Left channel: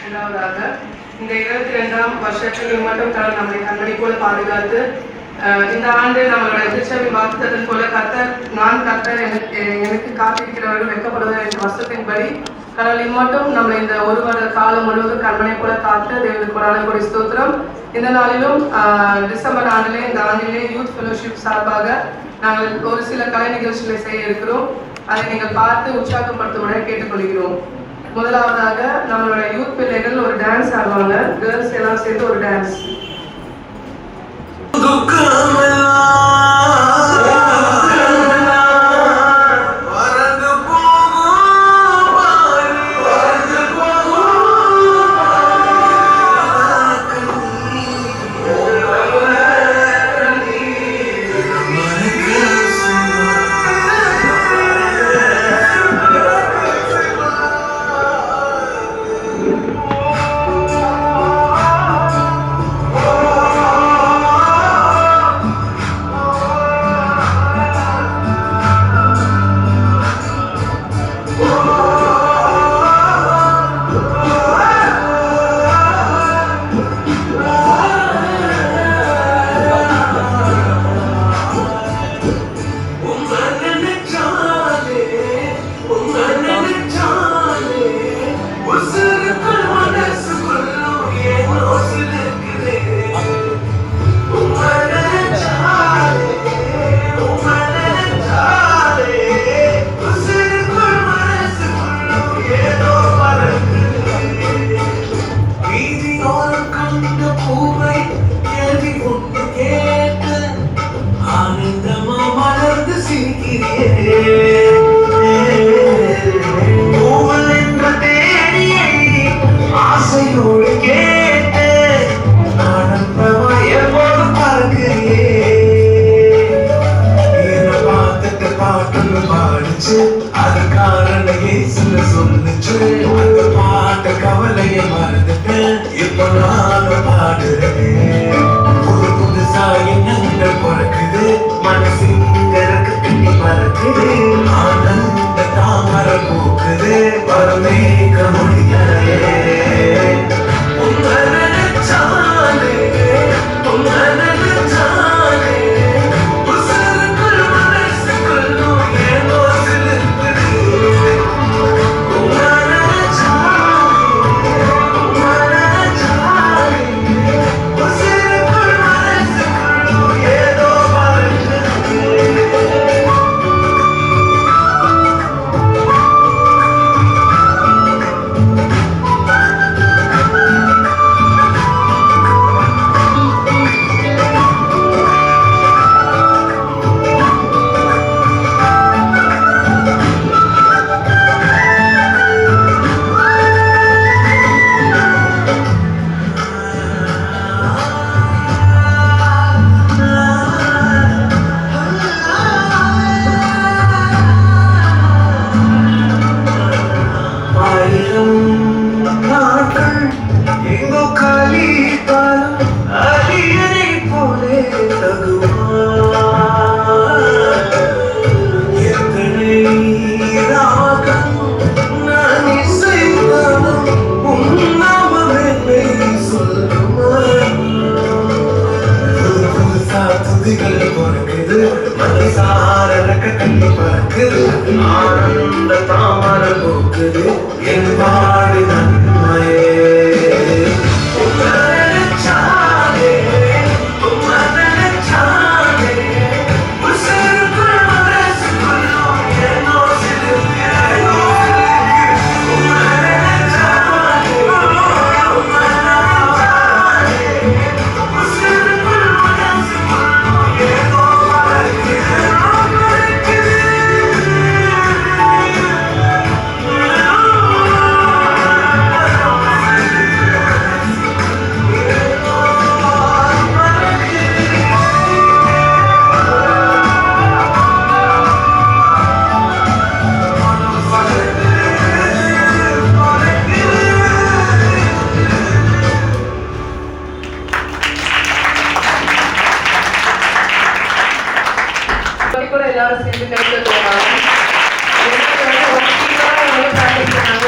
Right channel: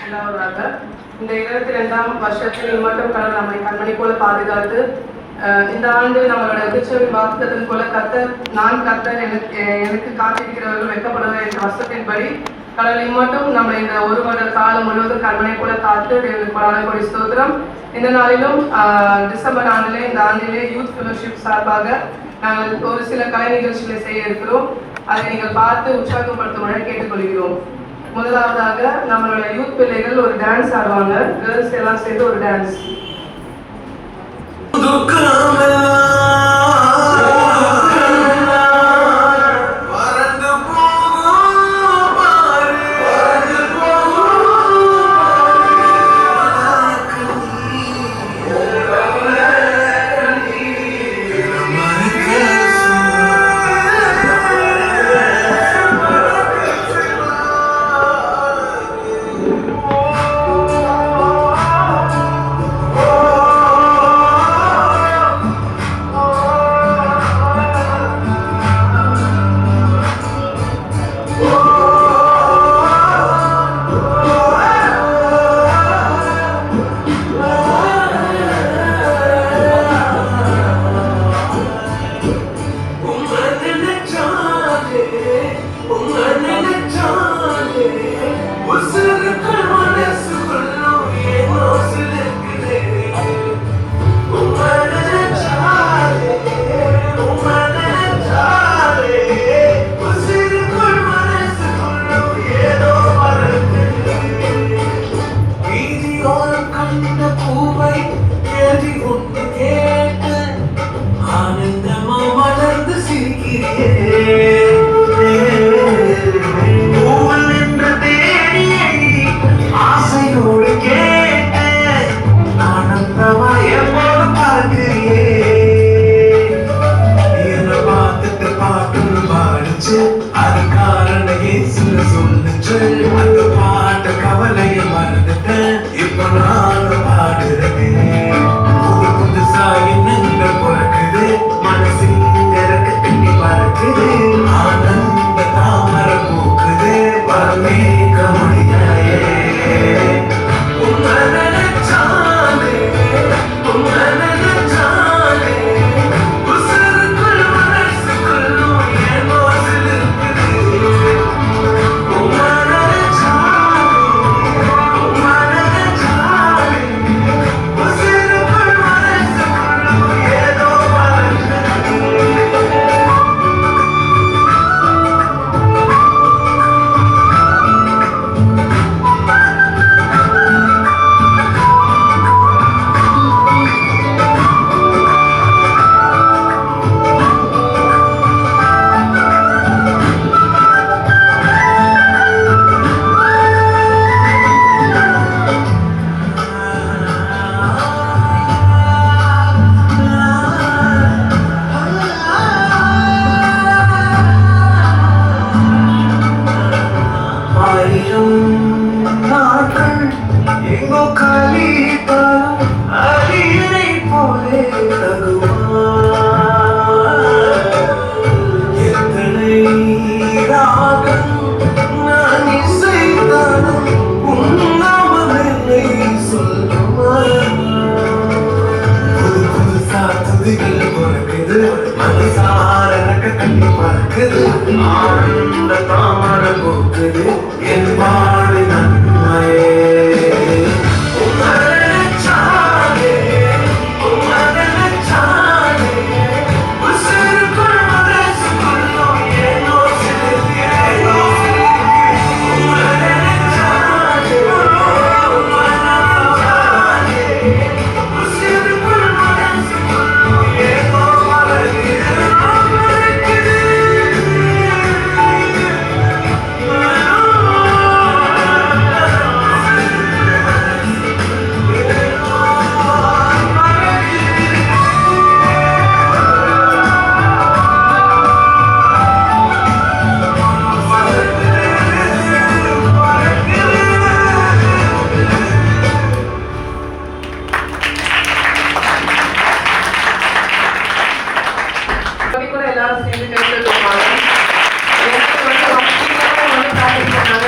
இரண்டாவதாக இந்த 22ஆம் வருஷத்தில் மட்டும் நம்மை கண்மணி போல பாதுகாத்து இந்த ஆண்டு நம்மளோட திருச்சபை வாக்குத்ததன் போல நான் கர்த்தர் எனக்கு காத்திருக்கிறவர்கள் வைக்கப்படுவதை என்ற வசத்தின்படி கடவுள் மட்டும் நம்ம இந்த ஒரு வருட காலம் முழுவதும் கண்மணி போல காத்து தேவனுக்கு கொடான கொடி ஸ்தோத்திரம். இந்த நாளிலும் டிசம்பர் ஆண்டிலே இந்த ஆண்டிலே யூத் ஃபெலோஷிப் சார்பாக நாங்கள் ஒரு சில கலை நிகழ்ச்சிகளை செய்ய இருக்கிறோம். அதை நீங்கள் பார்த்து உற்சாகப்படுத்தும்படி கேட்டுக்கொள்கிறோம். முதலாவதாக நம்மளோட யூத் பிள்ளைகள் ஒரு டான்ஸ் ஆடுவாங்க. கேர்ள்ஸ் எல்லாம் சேர்த்து ஒரு டான்ஸ்.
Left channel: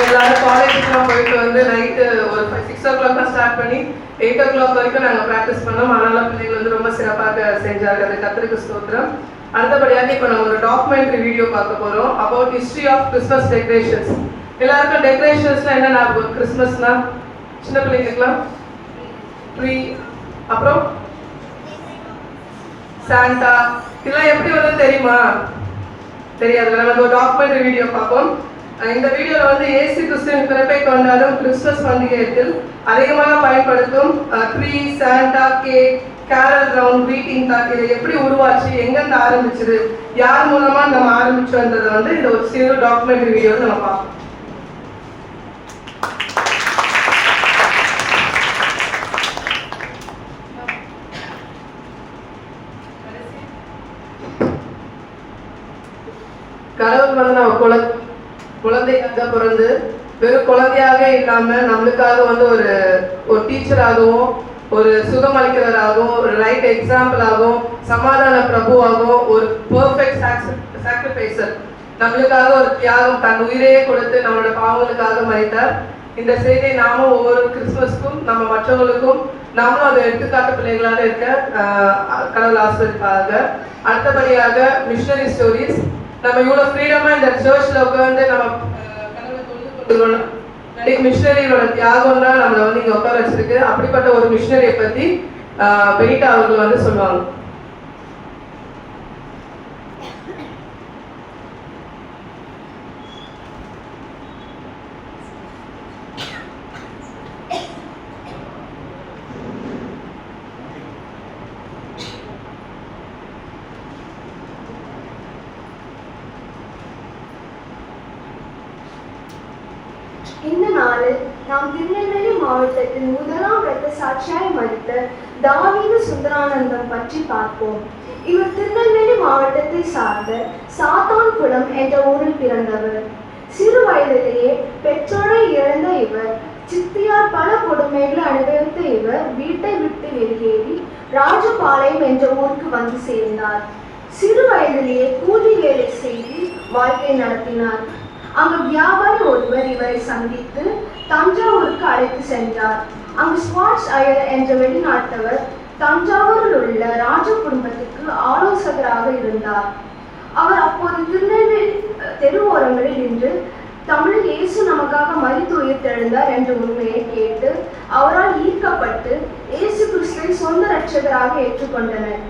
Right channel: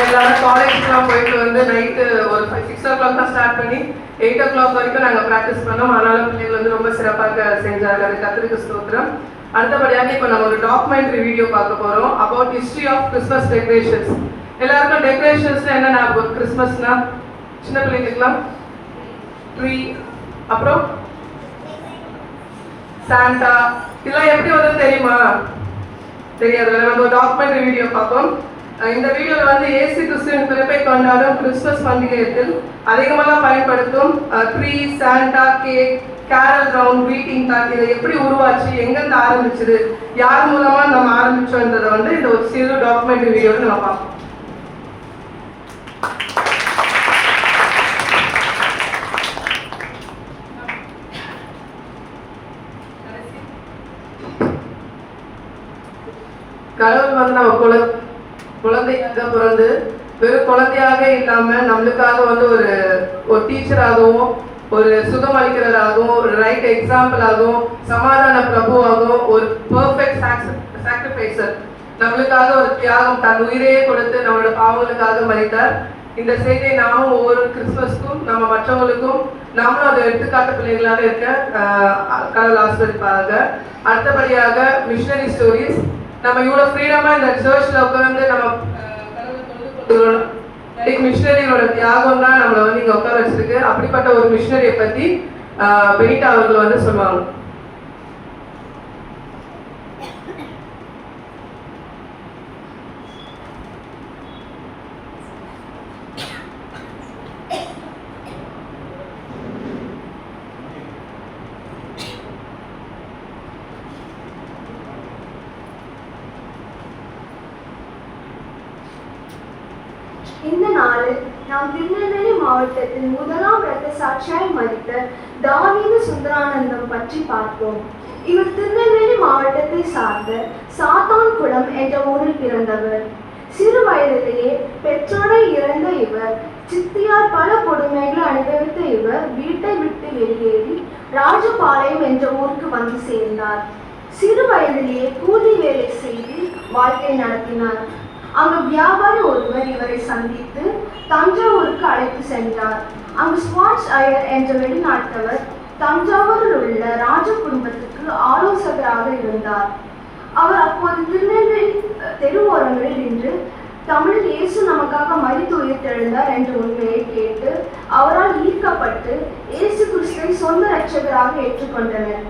எல்லாரும் காலேஜுக்குலாம் போயிட்டு வந்து நைட்டு ஒரு o'clock தான் ஸ்டார்ட் பண்ணி 8 o'clock வரைக்கும் நாங்கள் ப்ராக்டிஸ் பண்ணோம். அதனால பிள்ளைகள் வந்து ரொம்ப சிறப்பாக செஞ்சார்கள். அது கர்த்தருக்கு ஸ்தோத்திரம். அடுத்தபடியாக இப்போ நம்ம ஒரு டாக்குமெண்ட்ரி வீடியோ பார்க்க போகிறோம் about history of Christmas decorations. எல்லாருக்கும் டெக்கரேஷன்ஸ்னா என்ன ஞாபகம்? கிறிஸ்மஸ்னா சின்ன பிள்ளைங்களுக்குலாம் ட்ரீ, அப்புறம் சாண்டா, இதெல்லாம் எப்படி வந்து தெரியுமா? தெரியாது. நம்ம ஒரு டாக்குமெண்ட்ரி வீடியோ பார்ப்போம். இந்த வீடியோவில் வந்து இயேசு கிறிஸ்துவின் பிறப்பை கொண்டாடும் கிறிஸ்துமஸ் பண்டிகையில் அதிகமாக பயன்படுத்தும் tree, Santa, cake, carol round, வீட்டிங் தாட், இதை எப்படி உருவாச்சு, எங்கேருந்து ஆரம்பிச்சது, யார் மூலமா நம்ம ஆரம்பிச்சோன்றதை வந்து இந்த ஒரு சிறு டாக்குமெண்ட்ரி வீடியோவில் நம்ம பார்ப்போம். கடவுள் வந்து நம்ம குழந்தையாக பிறந்து வெறும் குழந்தையாக இல்லாம நம்மளுக்காக வந்து ஒரு டீச்சராகவும், ஒரு சுகம் அளிக்கிறவராகவும், ஒரு ரைட் எக்ஸாம்பிளாகவும், சமாதான பிரபுவாகவும், ஒரு பெர்ஃபெக்ட் சாக்ரிஃபைசர், நம்மளுக்காக ஒரு தியாகம், தன் உயிரையே கொடுத்து நம்மளோட பாவங்களுக்காக மறித்தார். இந்த செய்தியை நாமும் ஒவ்வொரு கிறிஸ்துமஸ்க்கும் நம்ம மற்றவங்களுக்கும் நாமளும் அதை எடுத்துக்காட்டு பிள்ளைகளாக இருக்க கடவுள் ஆசீர்வதிப்பாக. அடுத்தபடியாக மிஷனரி ஸ்டோரிஸ். நம்ம இவ்வளோ ஃப்ரீடமாக இந்த சர்ச்சில் உட்காந்து நம்ம கடவுளை தொழுது கொள்கிறோம். மிஷனரியோட தியாகம் தான் நம்மளை வந்து இங்கே உட்கார வச்சிருக்கு. அப்படிப்பட்ட ஒரு மிஷனரியை பற்றி பெயிட்டா அவர்கள் வந்து சொல்லுவாங்க. இந்த நாளில் நாம் திருநெல்வேலி மாவட்டத்தின் முதலாம் இரத்த சாட்சியாய் மரித்த தாவீது சுந்தரானந்தம் பற்றி பார்ப்போம். இவர் திருநெல்வேலி மாவட்டத்தை சார்ந்த சாத்தான்குளம் என்ற ஊரில் பிறந்தவர். சிறு வயதிலேயே பெற்றோரை இழந்த இவர் சித்தியார் பல கொடுமைகளை அனுபவித்த இவர் வீட்டை விட்டு வெளியேறி ராஜபாளையம் என்ற ஊருக்கு வந்து சேர்ந்தார். சிறு வயதிலேயே கூலி வேலை செய்து வாழ்க்கை நடத்தினார். அங்கு வியாபாரி ஒருவர் இவரை சந்தித்து தஞ்சாவூருக்கு அழைத்து சென்றார். அங்கு ஸ்வாட்ஸ் ஐயர் என்ற வெளிநாட்டவர் தஞ்சாவூரில் உள்ள ராஜ குடும்பத்துக்கு ஆலோசகராக இருந்தார். அவர் அப்போது திருநெல்வேலி தெருவோரங்களில் நின்று தமிழில் இயேசு நமக்காக மரித்து உயிர்த்தெழுந்தார் என்ற உண்மையை கேட்டு அவரால் ஈர்க்கப்பட்டு இயேசு கிறிஸ்துவை சொந்த இரட்சகராக ஏற்றுக்கொண்டனர்.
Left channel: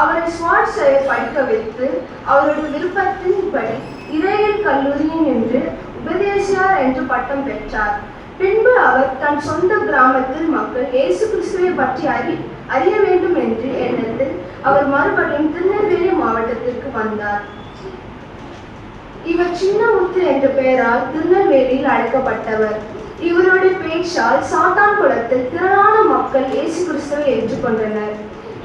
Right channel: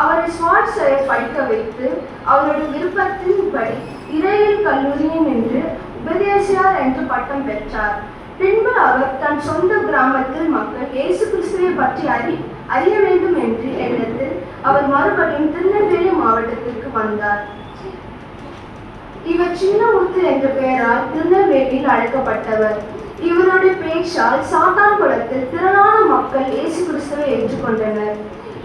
அவரை ஸ்வாட்ஸ் ஐயர் படிக்க வைத்து அவருடைய விருப்பத்தின்படி இறையியல் கல்லூரியில் நின்று உபதேசியார் என்று பட்டம் பெற்றார். பின்பு அவர் தன் சொந்த கிராமத்தில் மக்கள் இயேசு கிறிஸ்துவை பற்றி அறிய வேண்டும் என்று எண்ணத்தில் அவர் மறுபடியும் திருநெல்வேலி மாவட்டத்திற்கு வந்தார். இவர் சின்னமுத்து என்ற பெயரால் திருநெல்வேலியில் அழைக்கப்பட்டவர். இவருடைய பேச்சால் சாத்தான்குளத்தில் திரளான மக்கள் இயேசு கிறிஸ்துவை ஏற்றுக்கொண்டனர்.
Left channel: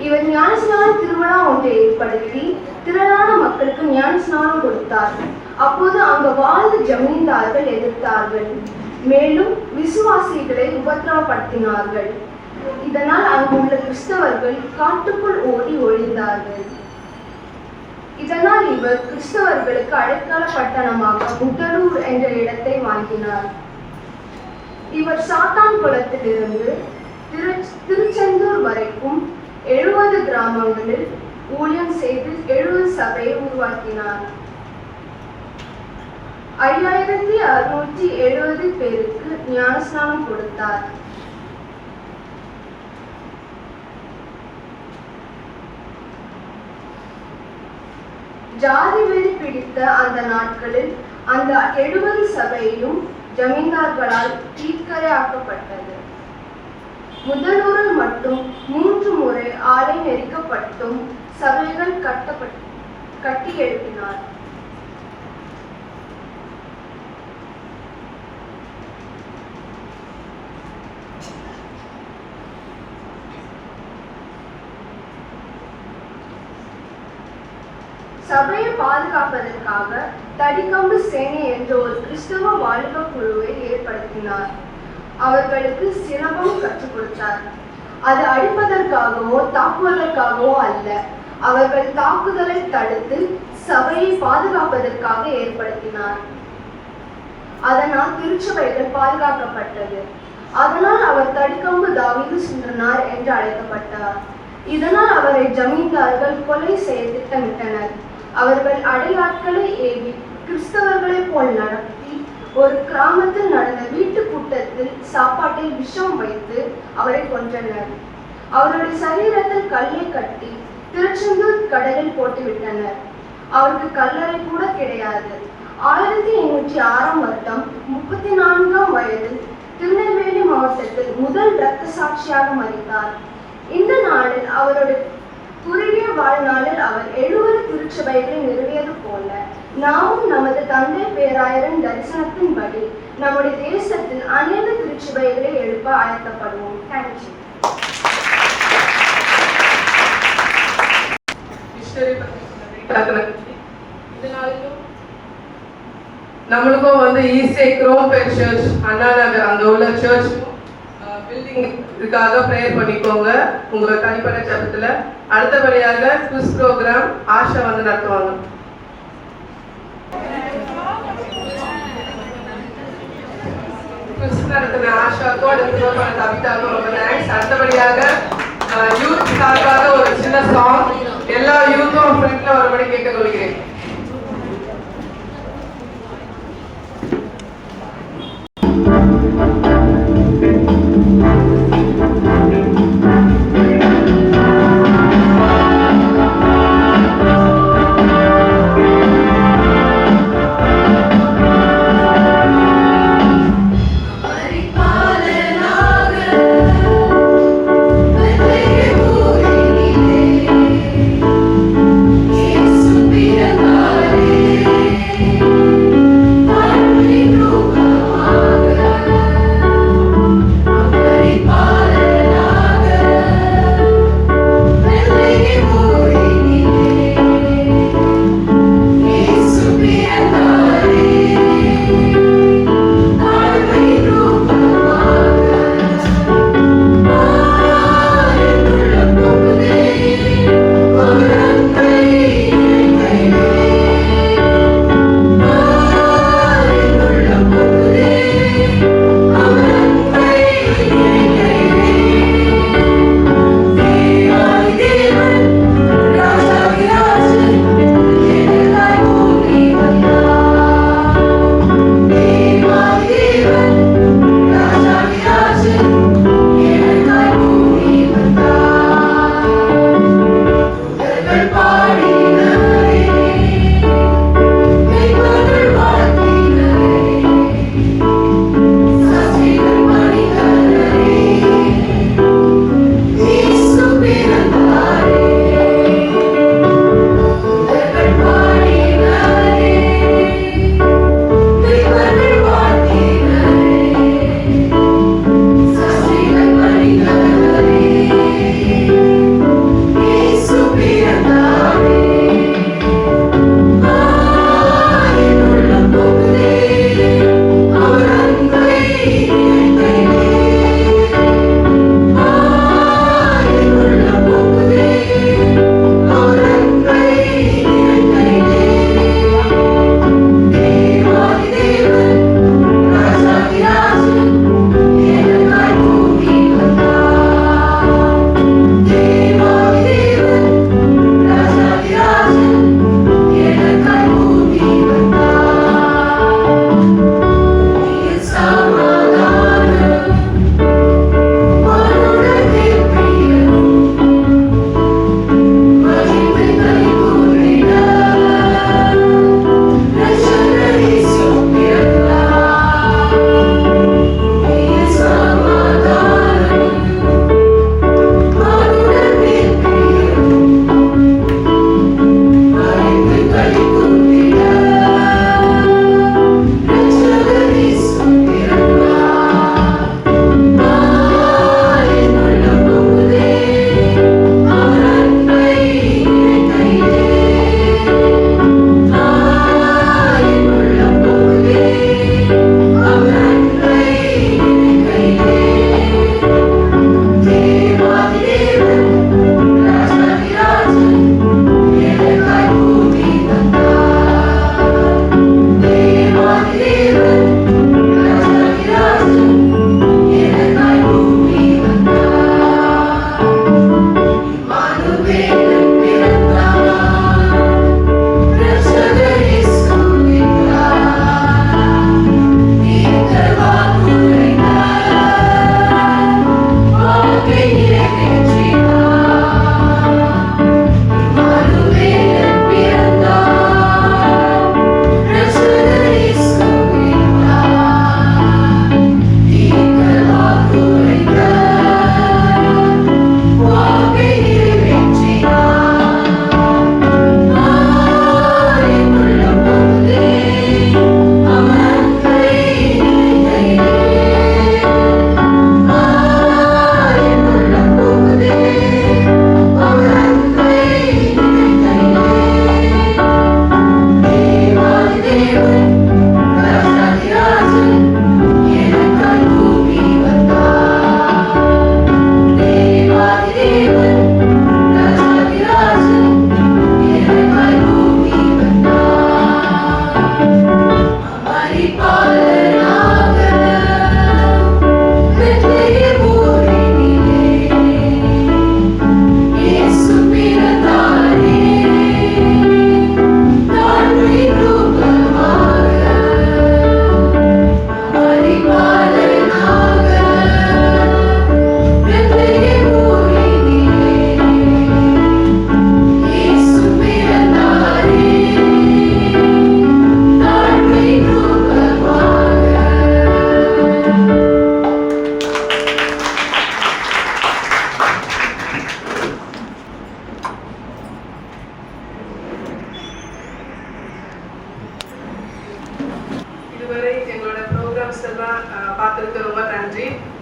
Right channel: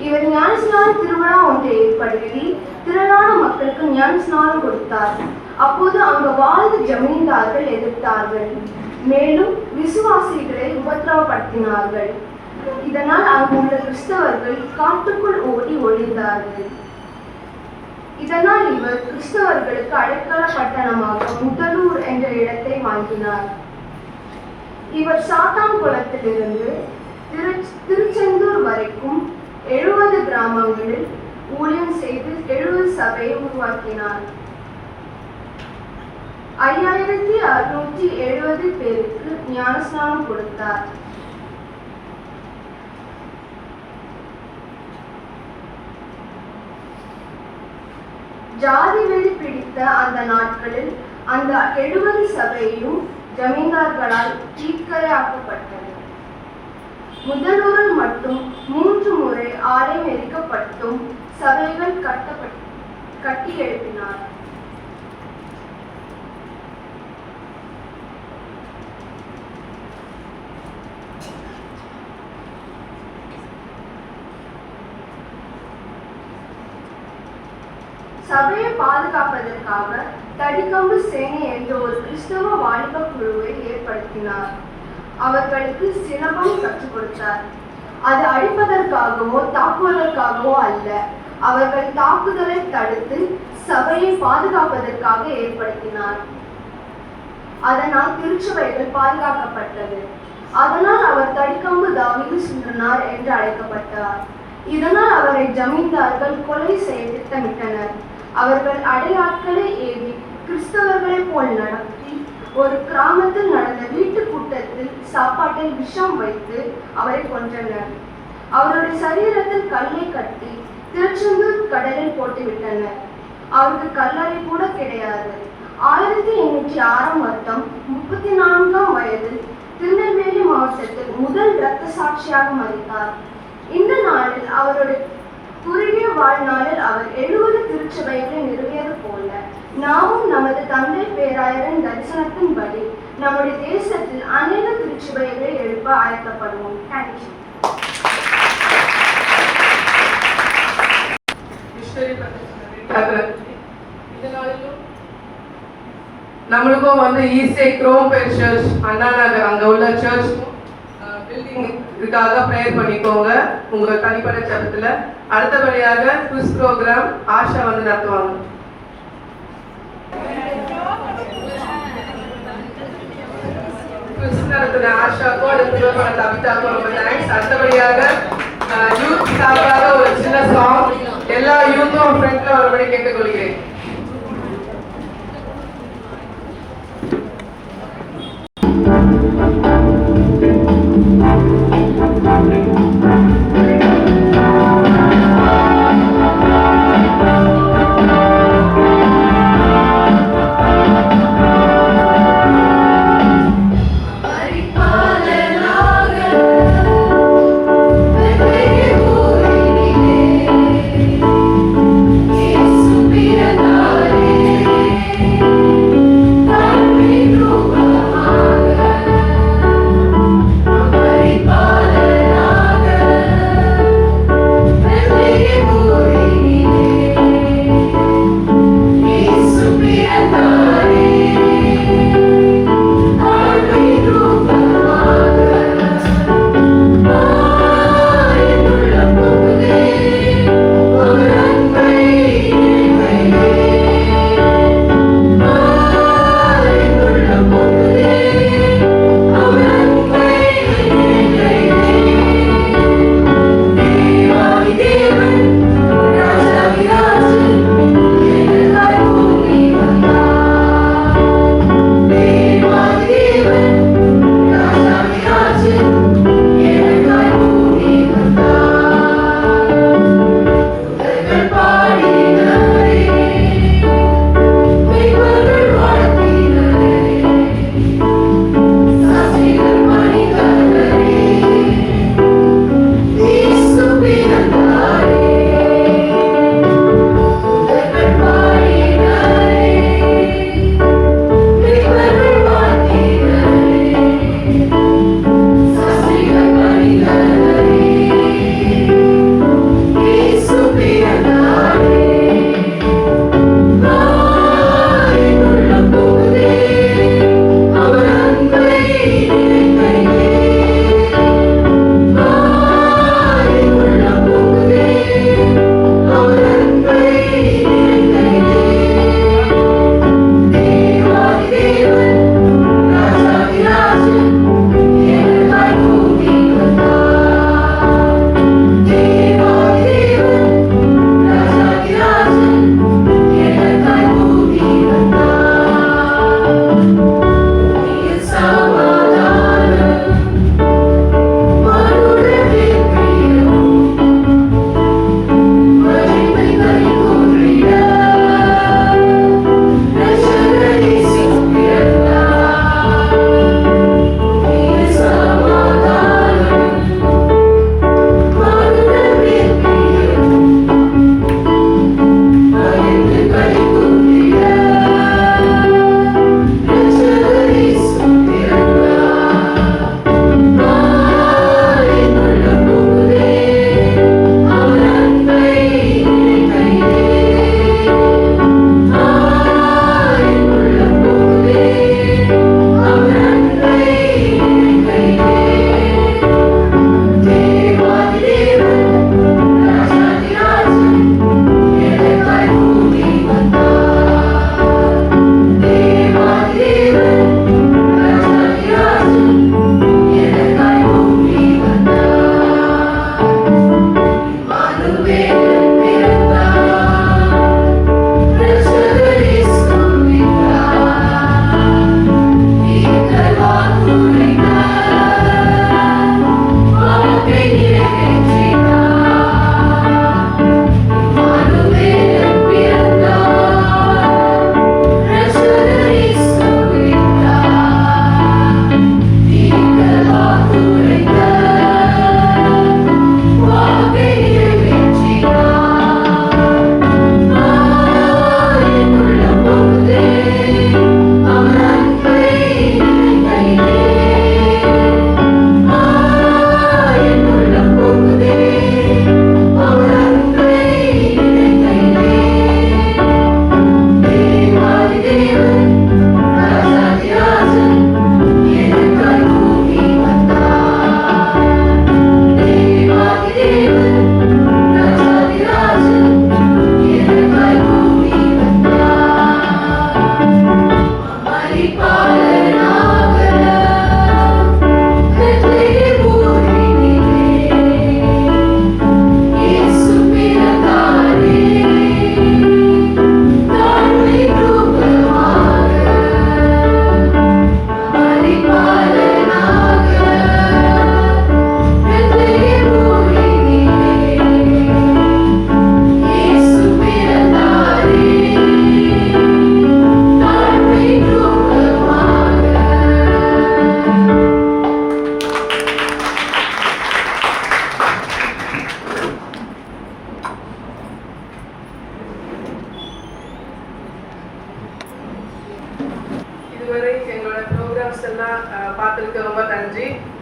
இவர் ஞானஸ்நான திருவிழா ஒன்றை ஏற்படுத்தி திரளான மக்களுக்கு ஞானஸ்நானம் கொடுத்தார். அப்போது அங்கு வாழ்ந்த ஜமீன்தார்கள் எதிர்த்தார்கள், மேலும் விசுவாசிகளை உபத்திரவப்படுத்தினார்கள். இதனால் அங்குள்ள கிறிஸ்தவர்கள் காட்டுக்குள் ஓடி ஒளிந்தார்கள். இதனால் இவர் கிறிஸ்தவர்களுக்கு அடைக்கல பட்டணமாக முதலூர் என்ற இடத்தை வாங்கினார். இவர் சாத்தான்குளத்திலிருந்து திருச்செந்தூர் வரைக்கும் 70 கிராமங்களில் ஊழியம் செய்து 70 சபையை உருவாக்கினார். 5670 பேருக்கு ஞானஸ்நானம் கொடுத்தார். ஜாதி வெறி பிடித்த அந்த நாட்களில் அந்த 70 சபையும் ஜமீன்தார்களால் தீர்க்கரையாக்கப்பட்டது. முதலூரில் மட்டும் 3 முறை ஆலயம் எரிக்கப்பட்டும் சபைகள் கட்டி எழுப்பினார். சபையை பாதுகாப்பதற்காக தடிக்கம்பு சேனை என்ற ஒரு கிறிஸ்தவ வாலிப குழுவை ஏற்படுத்தினார். அவர்களுக்கு சிரமம் கற்றுக் கொடுத்தார். அது அழிப்பதற்காகவோ தாக்குவதற்காகவோ அல்ல, அவர்கள் தாக்குதலை தடுத்து சபையை பாதுகாப்பதற்காக ஏற்படுத்தினார். அதனால் திருச்சபைகள் பாதுகாக்கப்பட்டது. அதனால் அவர் தடிக்கம்பு தாவீது சுந்தரனார் என்று அழைக்கப்பட்டார். இதனால் அவரை ஜமீன்தார்கள் கொலை செய்ய திட்டமிட்டனர். அவர்கள் அடையாட்களை ஏவி கிறிஸ்தவர்களைப் போல் நடத்தி ஒரு கிராமத்தில் நடந்த வீட்டு கூட்டத்தில் சாப்பாட்டில் விஷம் வைத்து அவரை கொன்றனர். அவருடைய சரீரத்தில் கல்லை கட்டி திருச்செந்தூர் கடலில் போட்டுவிட்டனர். அவருக்கு கல்லறை கூட கிடையாது. 1806 வருடம் 34ஆம் வயதில் திருநெல்வேலி மாவட்டத்தில் முதல் இரத்த சாட்சியாக மரித்தார். இந்த நாளில் அவருடைய குறுகிய வாழ்நாளில் அவர் 70 திருச்சபைகளை நிறுவியது போல நாமும் நமது தந்தை பேராயரின் தரிசனத்தின்படி நம்முடைய தேசத்தில் அநேக திருச்சபைகளை எழுப்ப ஆயத்தப்படுவோம். தேங்க்யூ. நம்மளுக்கும் வந்து ஈஸே குரோம்பேட் சர்ச் அண்ணா நகர் அங்கே உள்ள சர்ச் பில்டிங் இதுக்காக ப்ரேயர் பண்ணிக்கோங்க உங்க தனிப்பட்ட சபத்துல. அடுத்தபடியாக குவிஸ் ப்ரோக்ராம் ஆஷா வந்து நடத்துவாங்க. குவிஸ் நடத்துன ஆஷாக்கும் அடுத்த பண்ண கவிதாக்கும் ரொம்ப தேங்க்ஸ். அடுத்தபடியாக யூத் சார்பாக ஒரு சின்ன சாங் எல்லா யூத்தும் ஃப்ரெண்ட்ல ஒருபடி கேட்டுக்கொள்கிறேன். Mira